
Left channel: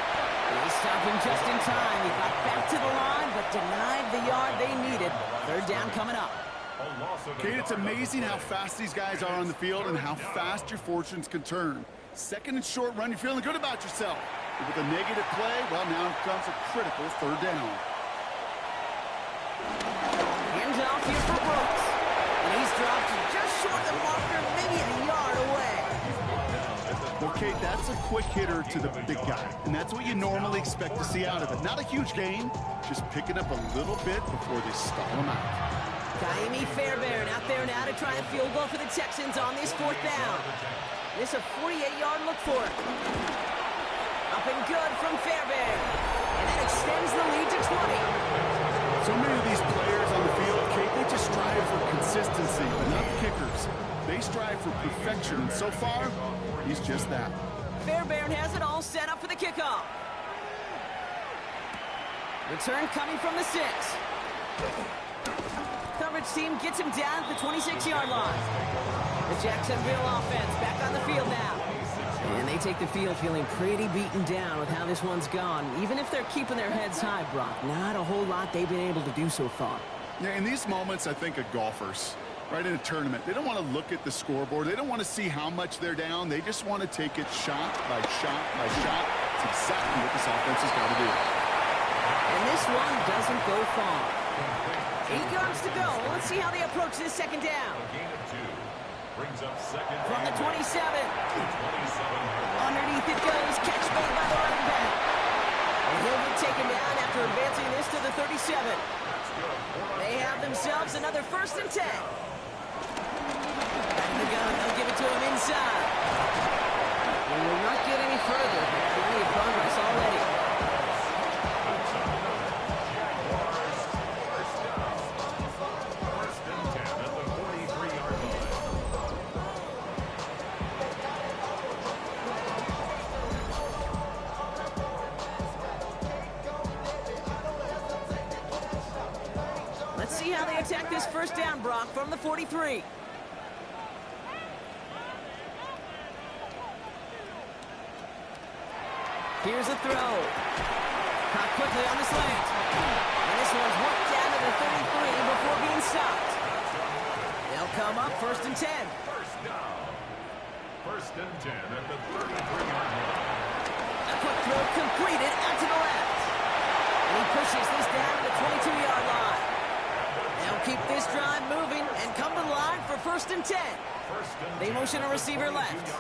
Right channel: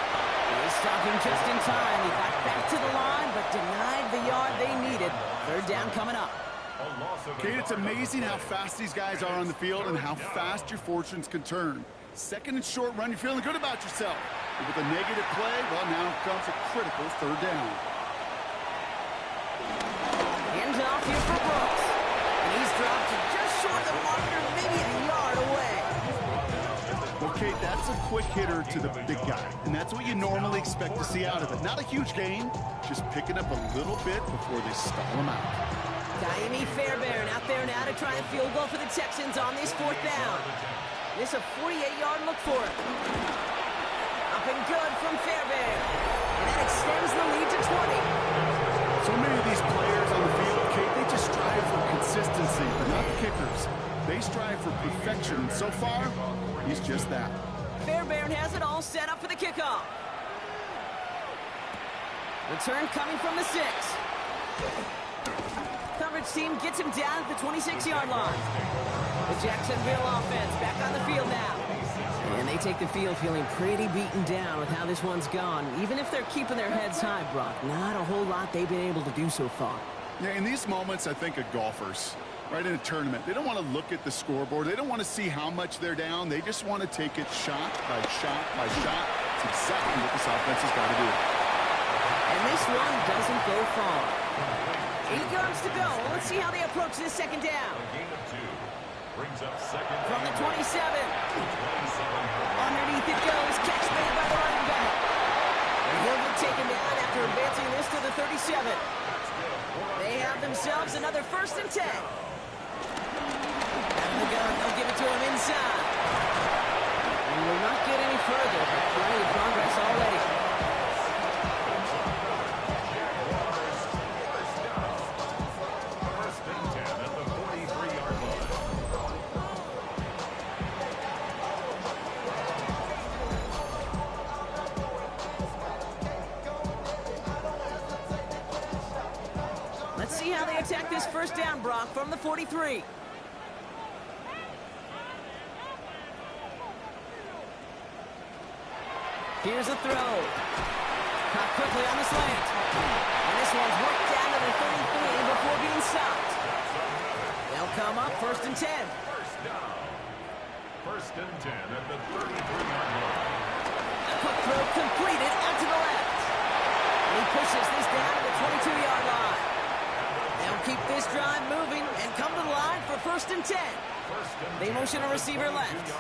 They stop him just in time. He got back to the line, but denied the yard they needed. Third down coming up. Kate, it's amazing how fast these guys are on the field and how fast your fortunes can turn. Second and short run, you're feeling good about yourself. But with a negative play, well, now comes a critical third down. Hands off here for Brooks. And he's dropped just short of the marker, maybe a yard away. Well, Kate, that's a quick hitter to the big guy, and that's what you normally expect to see out of it. Not a huge gain, just picking up a little bit before they stall him out. Diami Fairbairn out there now to try a field goal for the Texans on this fourth down. This a 48-yard look for it. Up and good from Fairbairn. And that extends the lead to 20. So many of these players on the field, Kate, they just strive for consistency, but not the kickers. They strive for perfection, and so far, he's just that. Fairbairn has it all set up for the kickoff. Return coming from the 6. Coverage team gets him down at the 26-yard line. The Jacksonville offense back on the field now. And they take the field feeling pretty beaten down with how this one's gone. Even if they're keeping their heads high, Brock, not a whole lot they've been able to do so far. Yeah, in these moments, I think of golfers, right, in a tournament. They don't want to look at the scoreboard. They don't want to see how much they're down. They just want to take it shot by shot by shot. It's exactly what this offense has got to do. And this one doesn't go far. 8 yards to go. Let's see how they approach this second down. A gain of 2. Brings up second From the 27. 27. Underneath it goes. Catch made by the running back. And he'll get taken down after advancing this to the 37. They have themselves another 1st and 10. Out of the gun. They'll give it to him inside. We will not get any further, but plenty of progress already. First and 10 at the 43-yard line. Let's see how they attack this first down, Brock, from the 43. Here's a throw. Caught quickly on the slant. And this one's worked down to the 33 before being stopped. They'll come up 1st and 10. First down. First and 10 at the 33-yard line. A quick throw completed out to the left. And he pushes this down to the 22-yard line. They'll keep this drive moving and come to the line for 1st and 10. They motion a receiver left.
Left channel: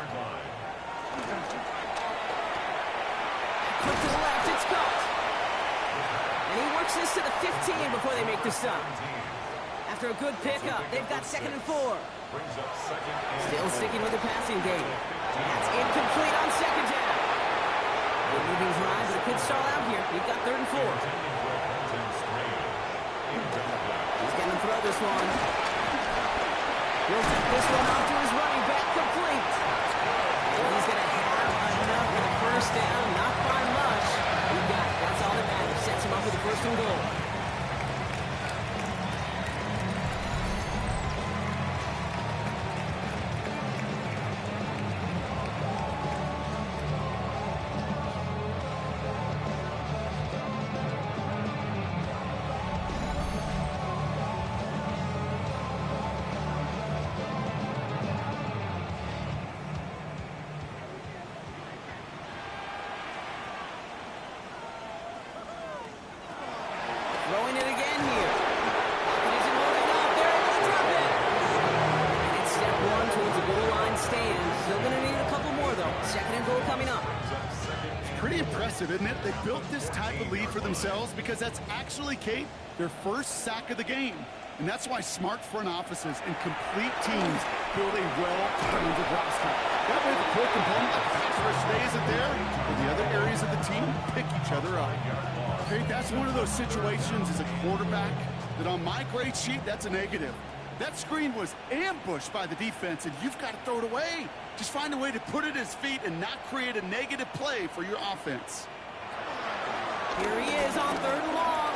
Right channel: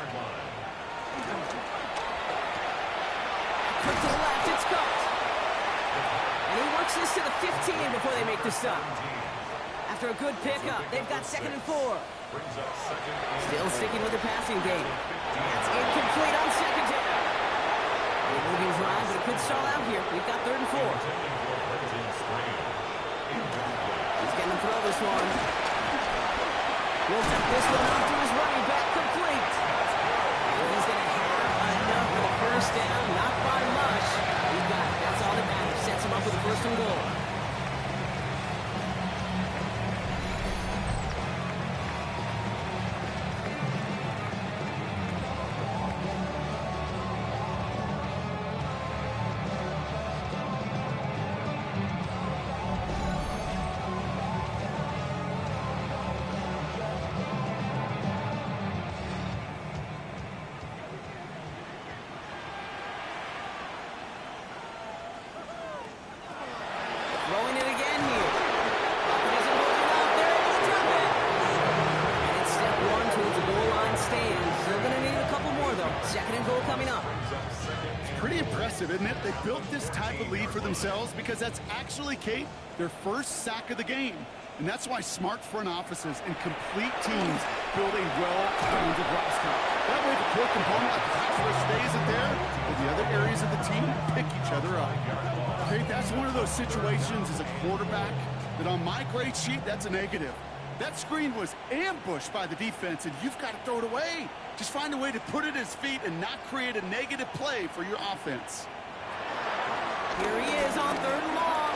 Quick to the left, it's caught. And he works this to the 15 before they make the stop. After a good pickup, they've got 2nd and 4. Still sticking with the passing game. That's incomplete on 2nd down. Good moving drive, but it could stall out here. We've got 3rd and 4. He's getting to throw this one. He'll dump this one off to his running back, complete. And he's going to have enough for the first down, not by much. He got it. That's all that matters. Sets him up with the 1st and goal. Throwing it again here. Pocket isn't holding up. They're able to drop it. And it's step 1 towards the goal line stand. Still going to need a couple more, though. 2nd and goal coming up. It's pretty impressive, isn't it? They built this type of lead for themselves because that's actually, Kate, their first sack of the game. And that's why smart front offices and complete teams build a well-rounded roster. That way, the core component, like the pass rush, stays it there, but the other areas of the team pick each other up. Okay, that's one of those situations as a quarterback that on my grade sheet, that's a negative. That screen was ambushed by the defense, and you've got to throw it away. Just find a way to put it at his feet and not create a negative play for your offense. Here he is on 3rd and long.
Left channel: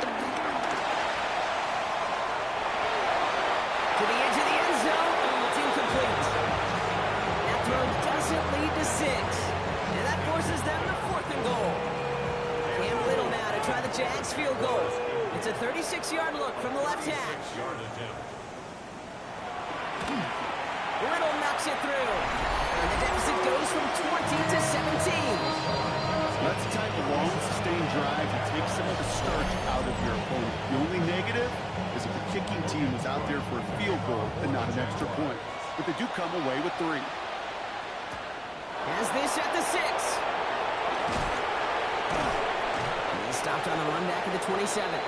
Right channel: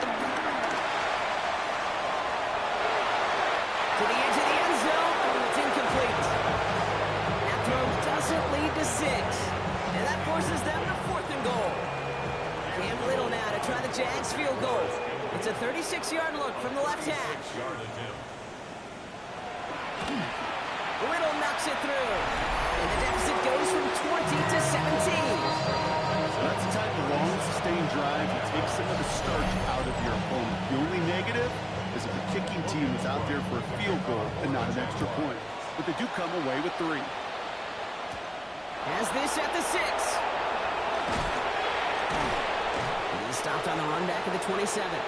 To the edge of the end zone. Oh, it's incomplete. That throw doesn't lead to 6. And that forces them to 4th and goal. Cam Little now to try the Jags field goal. It's a 36-yard look from the left hash. Little knocks it through. And the deficit goes from 20 to 17. That's the type of long, sustained drive that takes some of the starch out of your opponent. The only negative is if the kicking team was out there for a field goal and not an extra point. But they do come away with 3. Has this at the 6. He's stopped on the run back at the 27.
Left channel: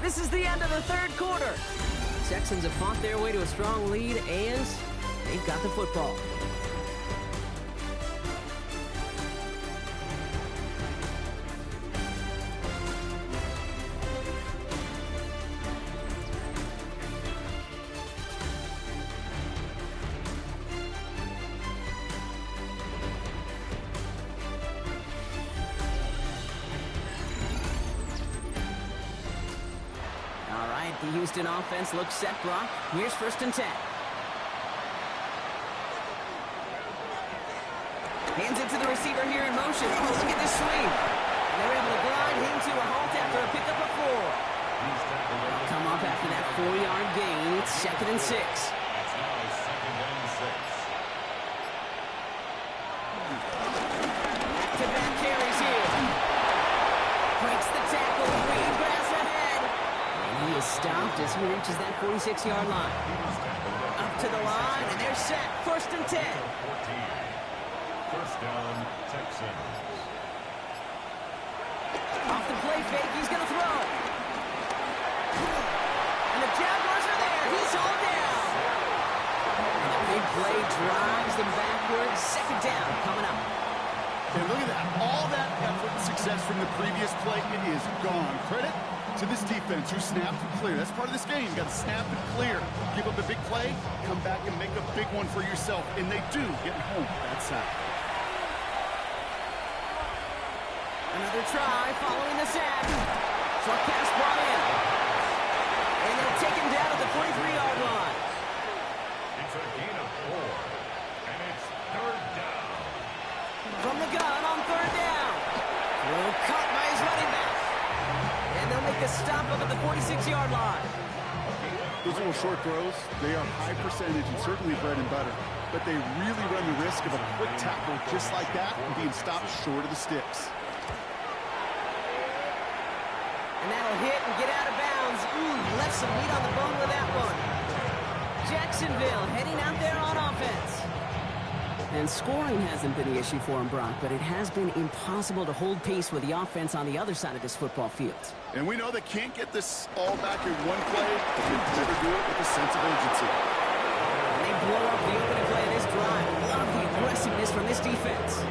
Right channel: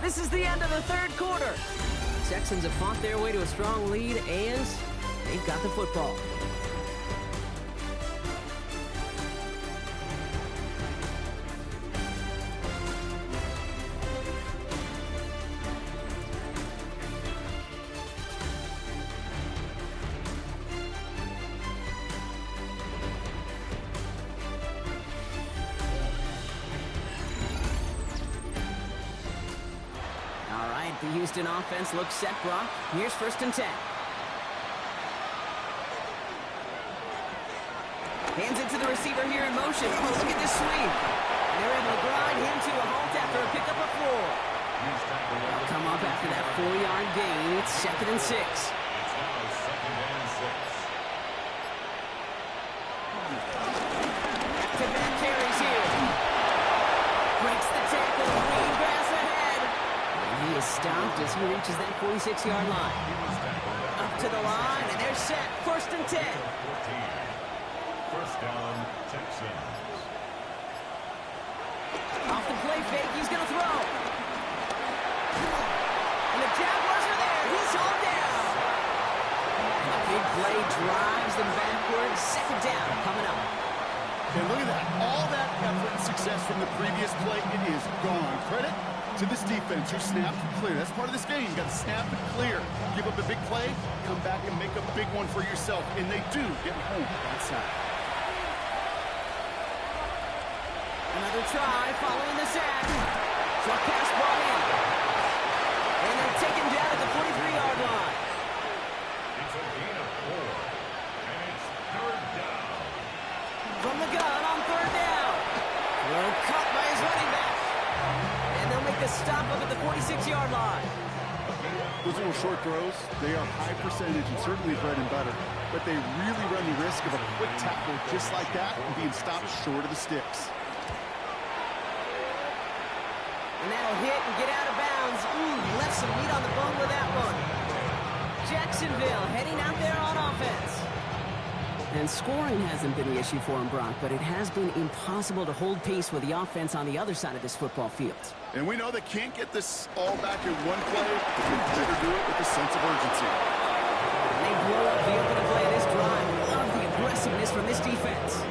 This is the end of the 3rd quarter. Texans have fought their way to a strong lead, and they've got the football. The Houston offense looks set, Brock. Here's 1st and 10. Hands it to the receiver here in motion. Oh, look at this sweep. And they're able to grind him to a halt after a pickup of 4. They'll come up after that 4-yard gain. It's 2nd and 6. It's now 2nd and 6. Back-to-back carries here. Breaks the tackle. Green grass ahead. He is stopped as he reaches that 46-yard line. Up to the line, and they're set. 1st and 10. 14. 1st down, Texans. Off the play fake, he's going to throw. And the Jaguars are there. He's hauled down. And the big play drives them backwards. 2nd down coming up. And look at that. All that effort and success from the previous play, it is gone. Credit to this defense who snapped and clear. That's part of this game. You got to snap and clear. Give up a big play, come back and make a big one for yourself. And they do get home that sack. Another try following the sack. Short pass brought in. And they'll take him down at the 43-yard line. It's a gain of 4. And it's 3rd down. From the gun on 3rd down. Throw caught by his running back. And they'll make the stop up at the 46-yard line. Those little short throws, they are high percentage and certainly bread and butter. But they really run the risk of a quick tackle just like that and being stopped short of the sticks. And that'll hit and get out of bounds. Ooh, left some meat on the bone with that one. Jacksonville heading out there on offense. And scoring hasn't been the issue for him, Brock, but it has been impossible to hold pace with the offense on the other side of this football field. And we know they can't get this all back in one play, but they better do it with a sense of urgency. And they blow up the opening play of this drive. Love the aggressiveness from this defense.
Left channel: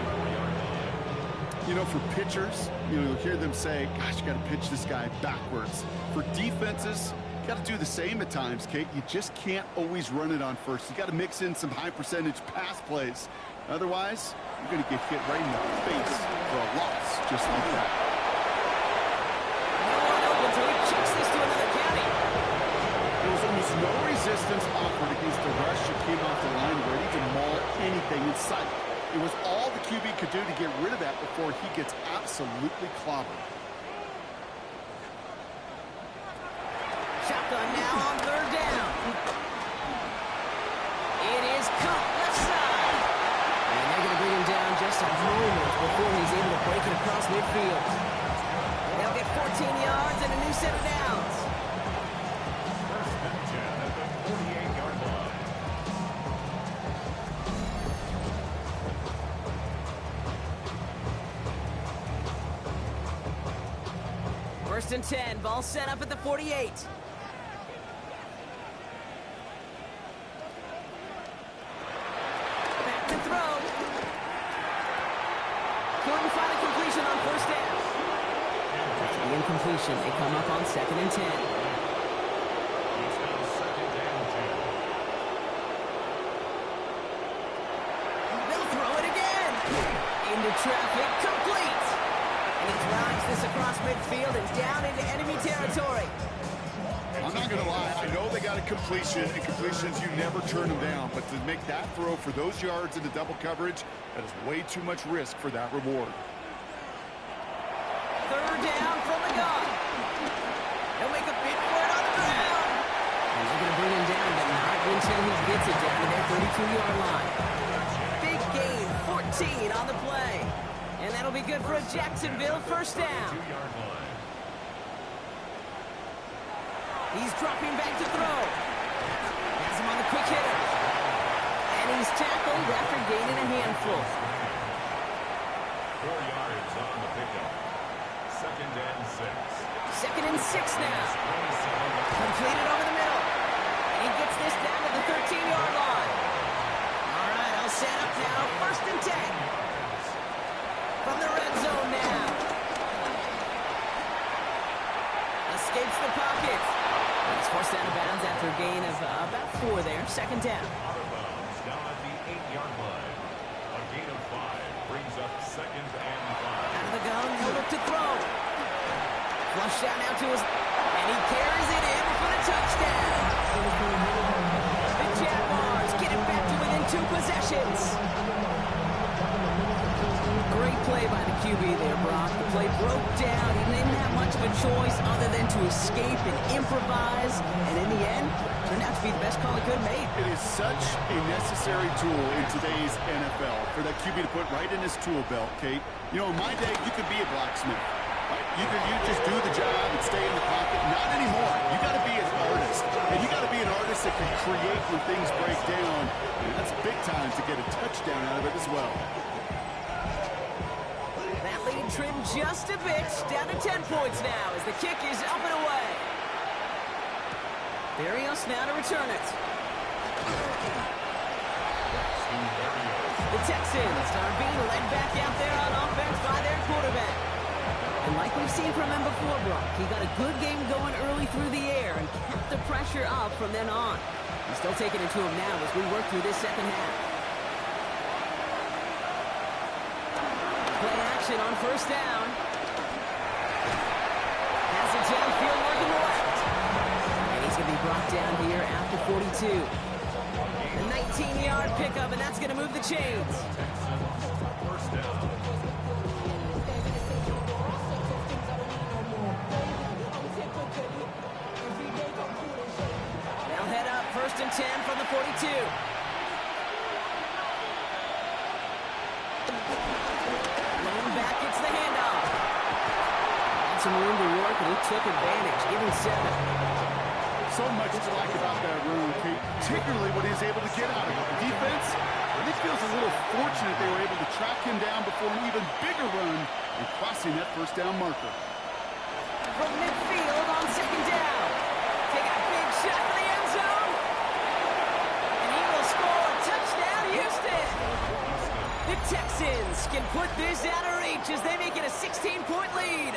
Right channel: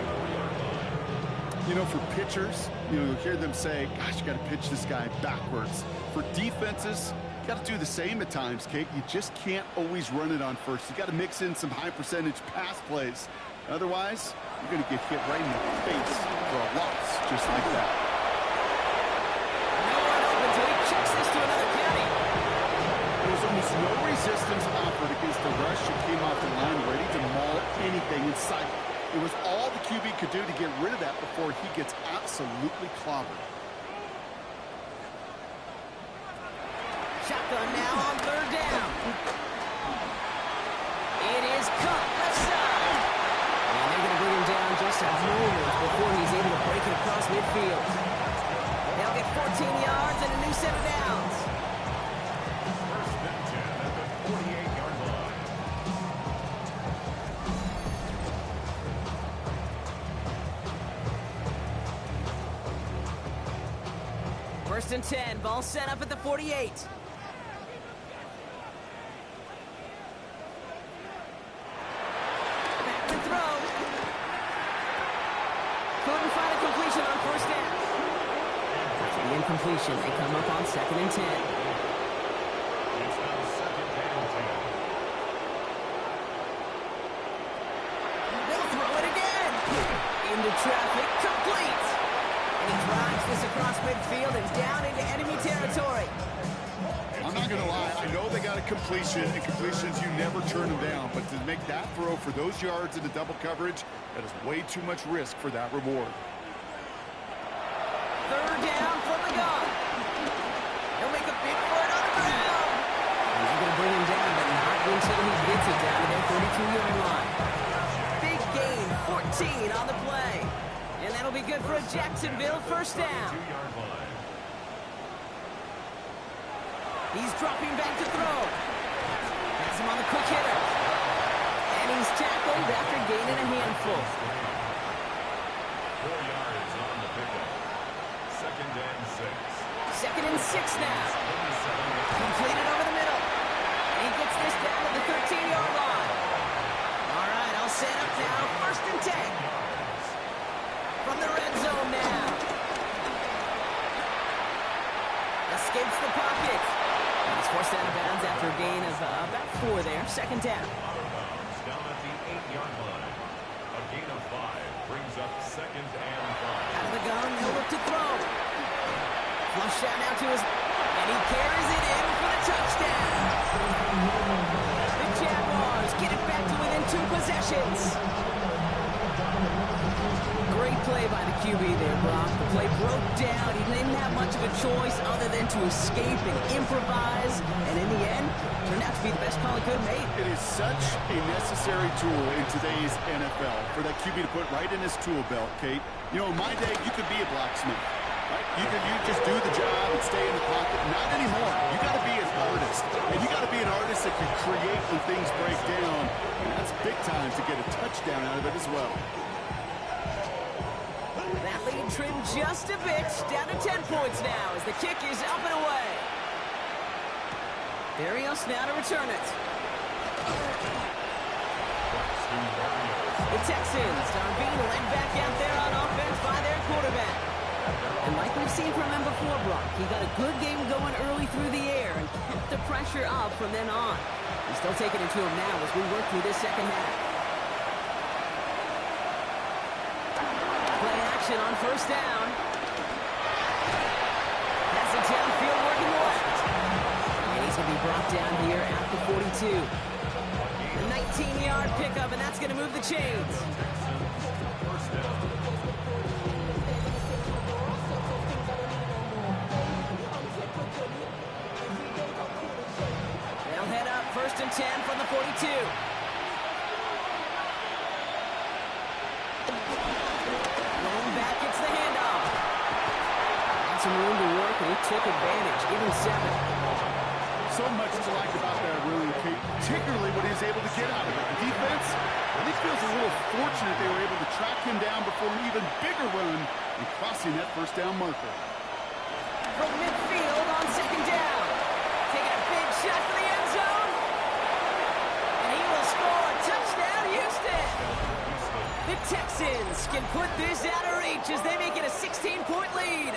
You know, for pitchers, you'll hear them say, gosh, you got to pitch this guy backwards. For defenses, you got to do the same at times, Kate. You just can't always run it on first. You got to mix in some high percentage pass plays. Otherwise, you're going to get hit right in the face for a loss just like that. No one open, so he kicks this to another county. There was almost no resistance offered against the rush. It came off the line ready to maul anything in sight. It was all the QB could do to get rid of that before he gets absolutely clobbered. Shotgun now on 3rd down. It is cut left side. And they're going to bring him down just a moment before he's able to break it across midfield. They'll get 14 yards and a new set of downs. 1st and 10 at the 48-yard line. First and 10, ball set up at the 48. Back to throw. Couldn't find a completion on 1st down. After the incompletion, they come up on 2nd and 10. It's now 2nd down 10. They'll throw it again. Into traffic, complete. And he drives this across midfield and down into enemy territory. I'm not going to lie. I know they got a completion, and completions, you never turn them down. But to make that throw for those yards into double coverage, that is way too much risk for that reward. Third down from the gun. He'll make a bid for it on the ground. He's going to bring him down, but not until he gets it down to their 32-yard line. Big gain, 14 on the play. And that'll be good for a Jacksonville first down. He's dropping back to throw. Has him on the quick hitter. And he's tackled after gaining a handful. 4 yards on the pickup. 2nd and 6. 2nd and 6 now. Completed over the middle. And he gets this down to the 13-yard line. All right, I'll set up now. 1st and 10. From the red zone now. Escapes the pocket. He's forced out of bounds after a gain of about 4 there. 2nd down. Out of bounds, down at the 8-yard line. A gain of 5 brings up 2nd and 5. Out of the gun, he'll look to throw. Flushed out now to his... And he carries it in for the touchdown. The Jaguars get it back to within 2 possessions. Great play by the QB there, Brock. The play broke down. He didn't have much of a choice other than to escape and improvise. And in the end, turned out to be the best call he could have made. It is such a necessary tool in today's NFL for that QB to put right in his tool belt, Kate. You know, in my day, you could be a blacksmith, right? You just do the job and stay in the pocket. Not anymore. You got to be an artist. And you got to be an artist that can create when things break down. And that's big time to get a touchdown out of it as well. That lead trimmed just a bit, down to 10 points now as the kick is up and away. Berrios now to return it. The Texans are being led back out there on offense by their quarterback. And like we've seen from him before, Brock, he got a good game going early through the air and kept the pressure up from then on. He's still taking it to him now as we work through this 2nd half. Play action on 1st down. Pass it downfield, working left. And he's going to be brought down here at the 42. A 19-yard pickup, and that's going to move the chains. First down. They'll head up 1st and 10 from the 42. Back gets the handoff. Had some room to work, and he took advantage. Give him 7. So much to like about that run, Kate, particularly what he was able to get out of it. The defense, I think, feels a little fortunate they were able to track him down before an even bigger run and crossing that 1st down marker. From midfield on 2nd down. Taking a big shot for the end zone. And he will score a touchdown, Houston. The Texans can put this out of reach as they make it a 16-point lead.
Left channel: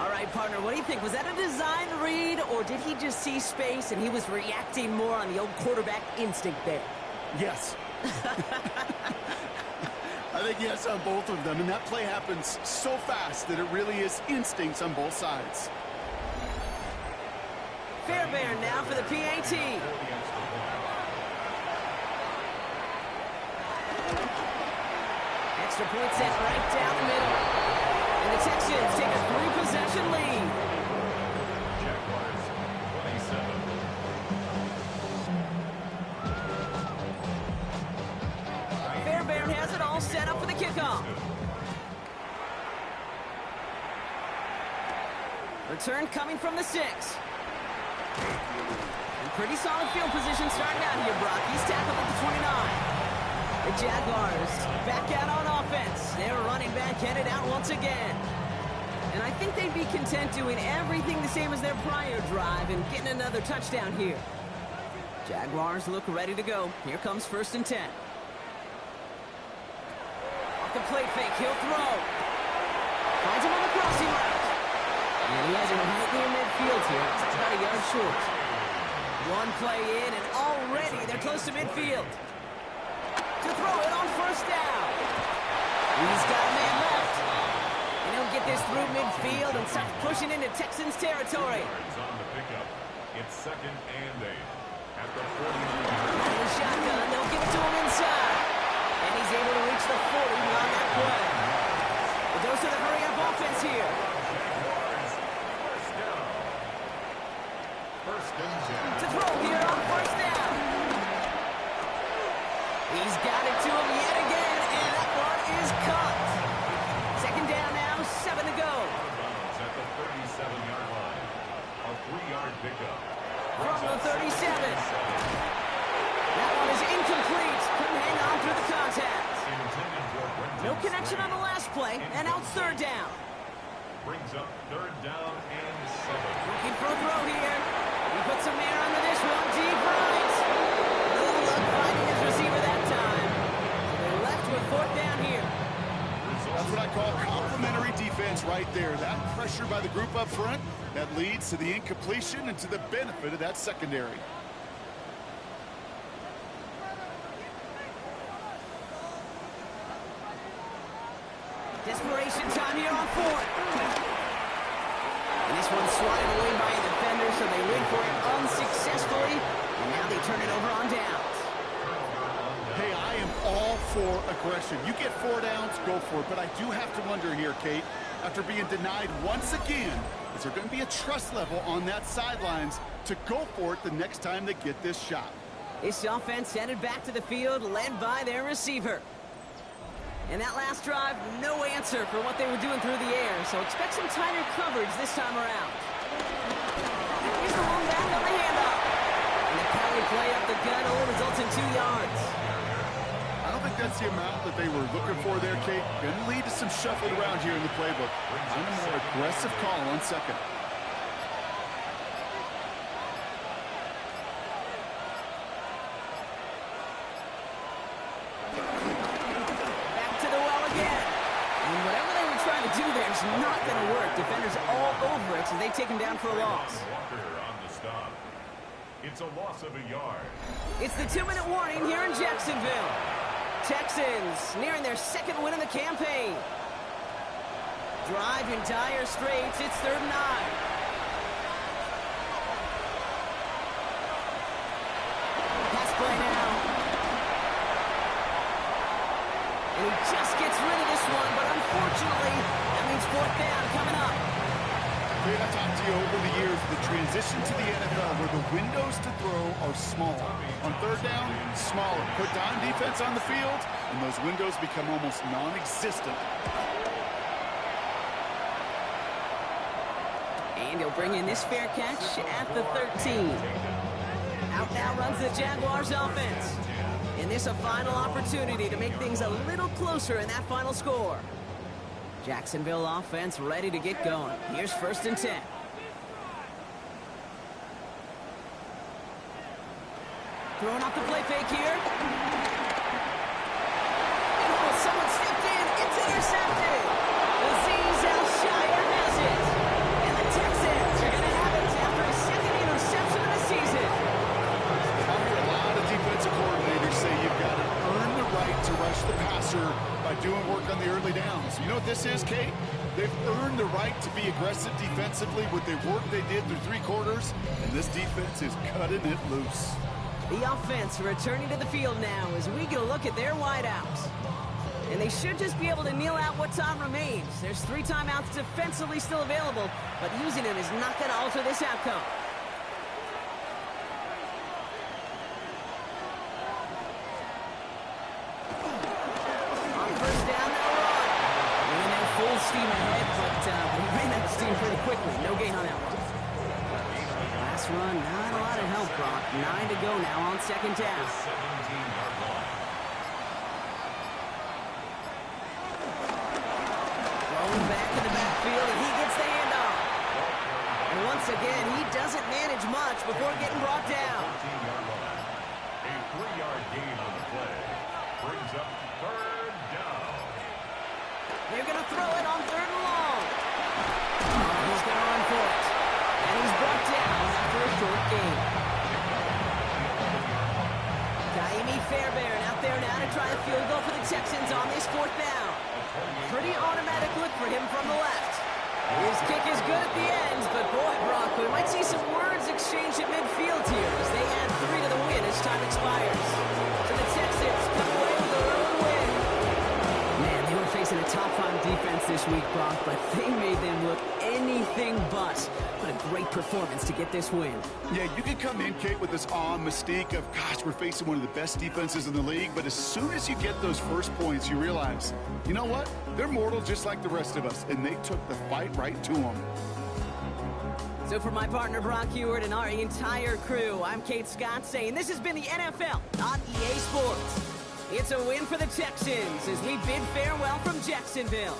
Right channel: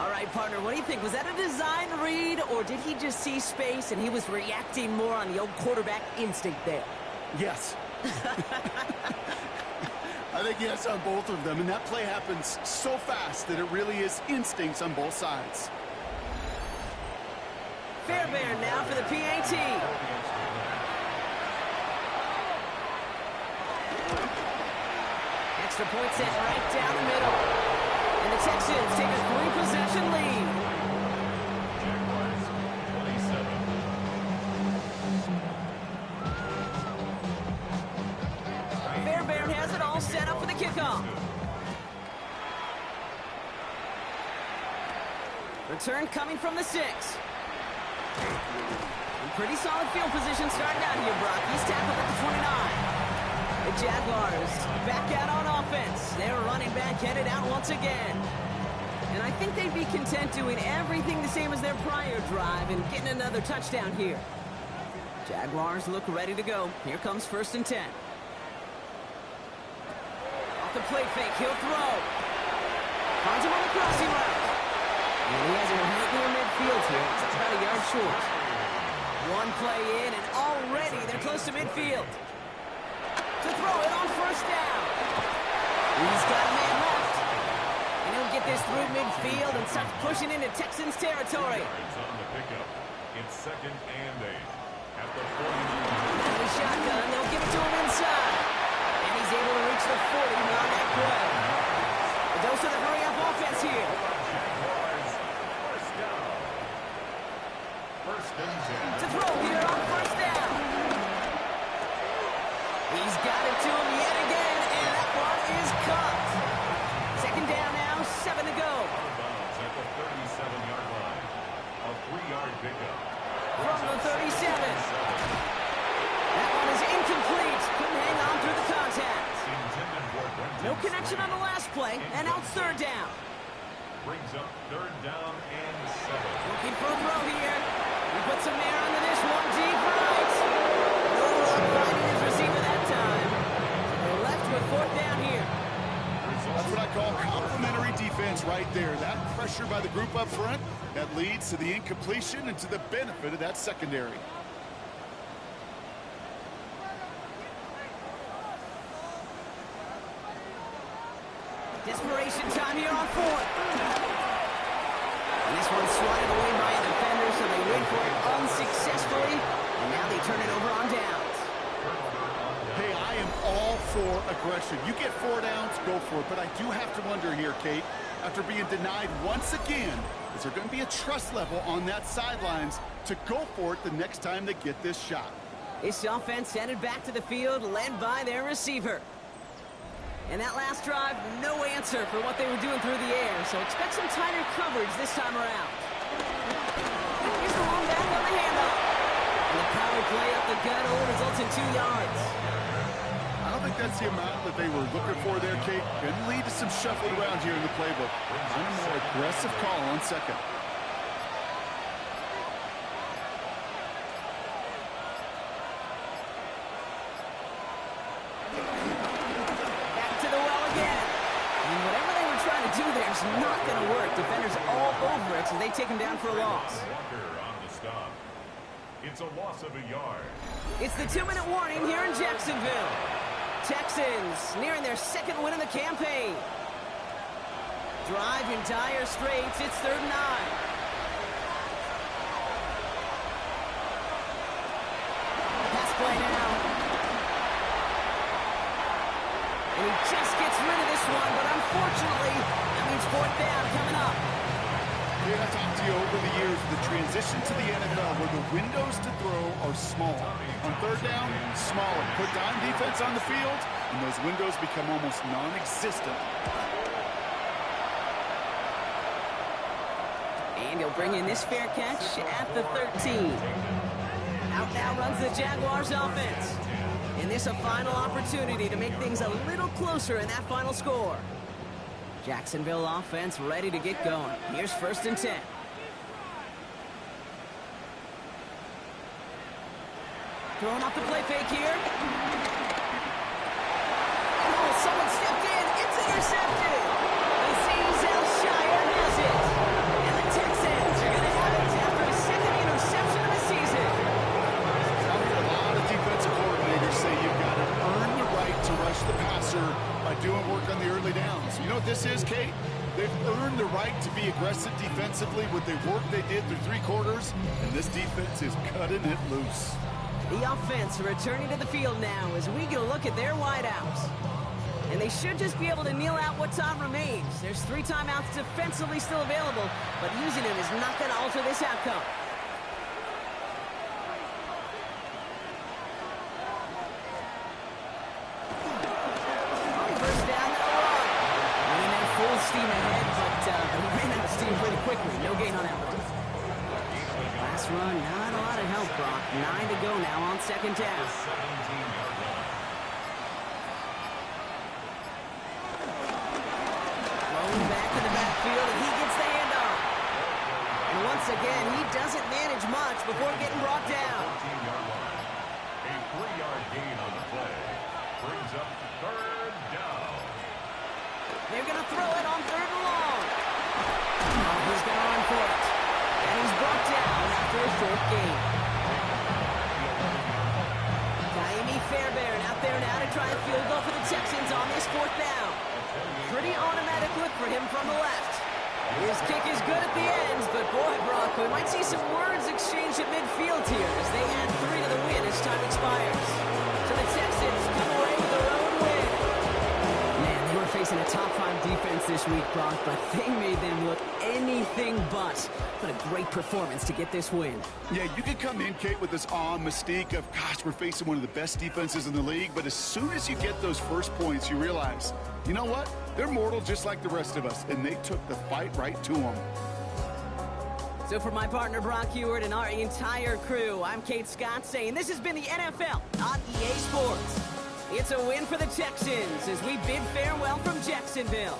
All right, partner, what do you think? Was that a design read, or did he just see space and he was reacting more on the old quarterback instinct there? Yes. I think yes on both of them, and that play happens so fast that it really is instincts on both sides. Fairbairn now for the PAT. Extra point sent right down the middle. And the Texans take a 3-possession lead. Jaguars 27. Fairbairn has it all set up for the kickoff. Return coming from the 6. And pretty solid field position starting out here, Brock. He's tackled at the 29. The Jaguars back out on offense. Their running back headed out once again. And I think they'd be content doing everything the same as their prior drive and getting another touchdown here. Jaguars look ready to go. Here comes 1st and 10. Off the play fake, he'll throw. Finds him on the crossing route. And he has him right near midfield here. It's about a yard short. One play in, and already they're close to midfield. To throw it on 1st down. He's got a man left. And he'll get this through midfield and start pushing into Texans territory. Yards on the pickup. It's 2nd and 8 at the 49. Out of the shotgun, they'll give it to him inside. And he's able to reach the 40 on that play. The dose of the hurry-up offense here. Jaguars, first down. 1st and 10. To throw here on first down. He's got it to him yet again, and that one is caught. 2nd down now, 7 to go. Out of bounds at the 37-yard line. A 3-yard pickup. From the 37. That one is incomplete. Couldn't hang on through the contact. Intended for Brenton No connection on the Strange. last play, and now it's 3rd down. Brings up 3rd down and 7. Looking for a throw here. He puts some air under this one, deep right. No luck finding his receiver that time. So they're left with 4th down here. That's what I call complimentary defense right there. That pressure by the group up front, that leads to the incompletion and to the benefit of that secondary. Desperation time here on 4th. And this one's swatted away by a defender, so they wait for it unsuccessfully. And now they turn it over on downs. Hey, I am all for aggression. You get 4 downs, go for it. But I do have to wonder here, Kate, after being denied once again, is there going to be a trust level on that sidelines to go for it the next time they get this shot? This offense headed back to the field, led by their receiver. And that last drive, no answer for what they were doing through the air, so expect some tighter coverage this time around. Here's the one back on the handoff. And the power play up the gut only results in 2 yards. I don't think that's the amount that they were looking for there, Kate. Going to lead to some shuffling around here in the playbook. Find a more aggressive call on 2nd. It's not going to work. Defenders all over it, so they take him down for a loss. Walker on the stop. It's a loss of a yard. It's the 2-minute warning here in Jacksonville. Texans nearing their 2nd win of the campaign. Drive in dire straits. It's 3rd and 9. Pass play now. And he just gets rid of this one, but unfortunately, that means 4th down coming up. Kate, I talked to you over the years, the transition to the NFL where the windows to throw are small. On 3rd down, smaller. Put dime defense on the field, and those windows become almost non-existent. And he'll bring in this fair catch at the 13. Out now runs the Jaguars offense. And this a final opportunity to make things a little closer in that final score. Jacksonville offense ready to get going. Here's 1st and 10. Throwing off the play fake here. Oh, someone stepped in. It's intercepted. Azeez Al-Shire has it. And the Texans are going to have it after his 2nd interception of the season. I've heard a lot of defensive coordinators say you've got to earn the right to rush the passer by doing work on the early downs. You know what this is, Kate? They've earned the right to be aggressive defensively with the work they did through 3 quarters, and this defense is cutting it loose. The offense returning to the field now as we get a look at their wideouts. And they should just be able to kneel out what time remains. There's 3 timeouts defensively still available, but using them is not going to alter this outcome. Full steam ahead, but he ran out of steam pretty quickly. No gain on that one. Last run, not a lot of help, Brock. 9 to go now on 2nd down. 17-yard line. Rolling back to the backfield, and he gets the handoff. And once again, he doesn't manage much before getting brought down. 14-yard line. A 3-yard gain on the play. Brings up 3rd down. They're going to throw it on 3rd and long. Oh, he's going to run for it. And he's brought down after a short gain. Taimi Fairbairn out there now to try a field goal for the Texans on this 4th down. A Pretty automatic look for him from the left. His kick is good at the end, but boy, Brock, we might see some words exchanged at midfield here as they add 3 to the win as time expires. So the Texans come away with their own win. Man, they were facing a top-5 defense this week, Brock, but they made them look anything but. What a great performance to get this win. Yeah, you can come in, Kate, with this mystique of, gosh, we're facing one of the best defenses in the league, but as soon as you get those first points, you realize, you know what? They're mortal just like the rest of us, and they took the fight right to them. So for my partner, Brock Heward, and our entire crew, I'm Kate Scott saying this has been the NFL on EA Sports. It's a win for the Texans as we bid farewell from Jacksonville.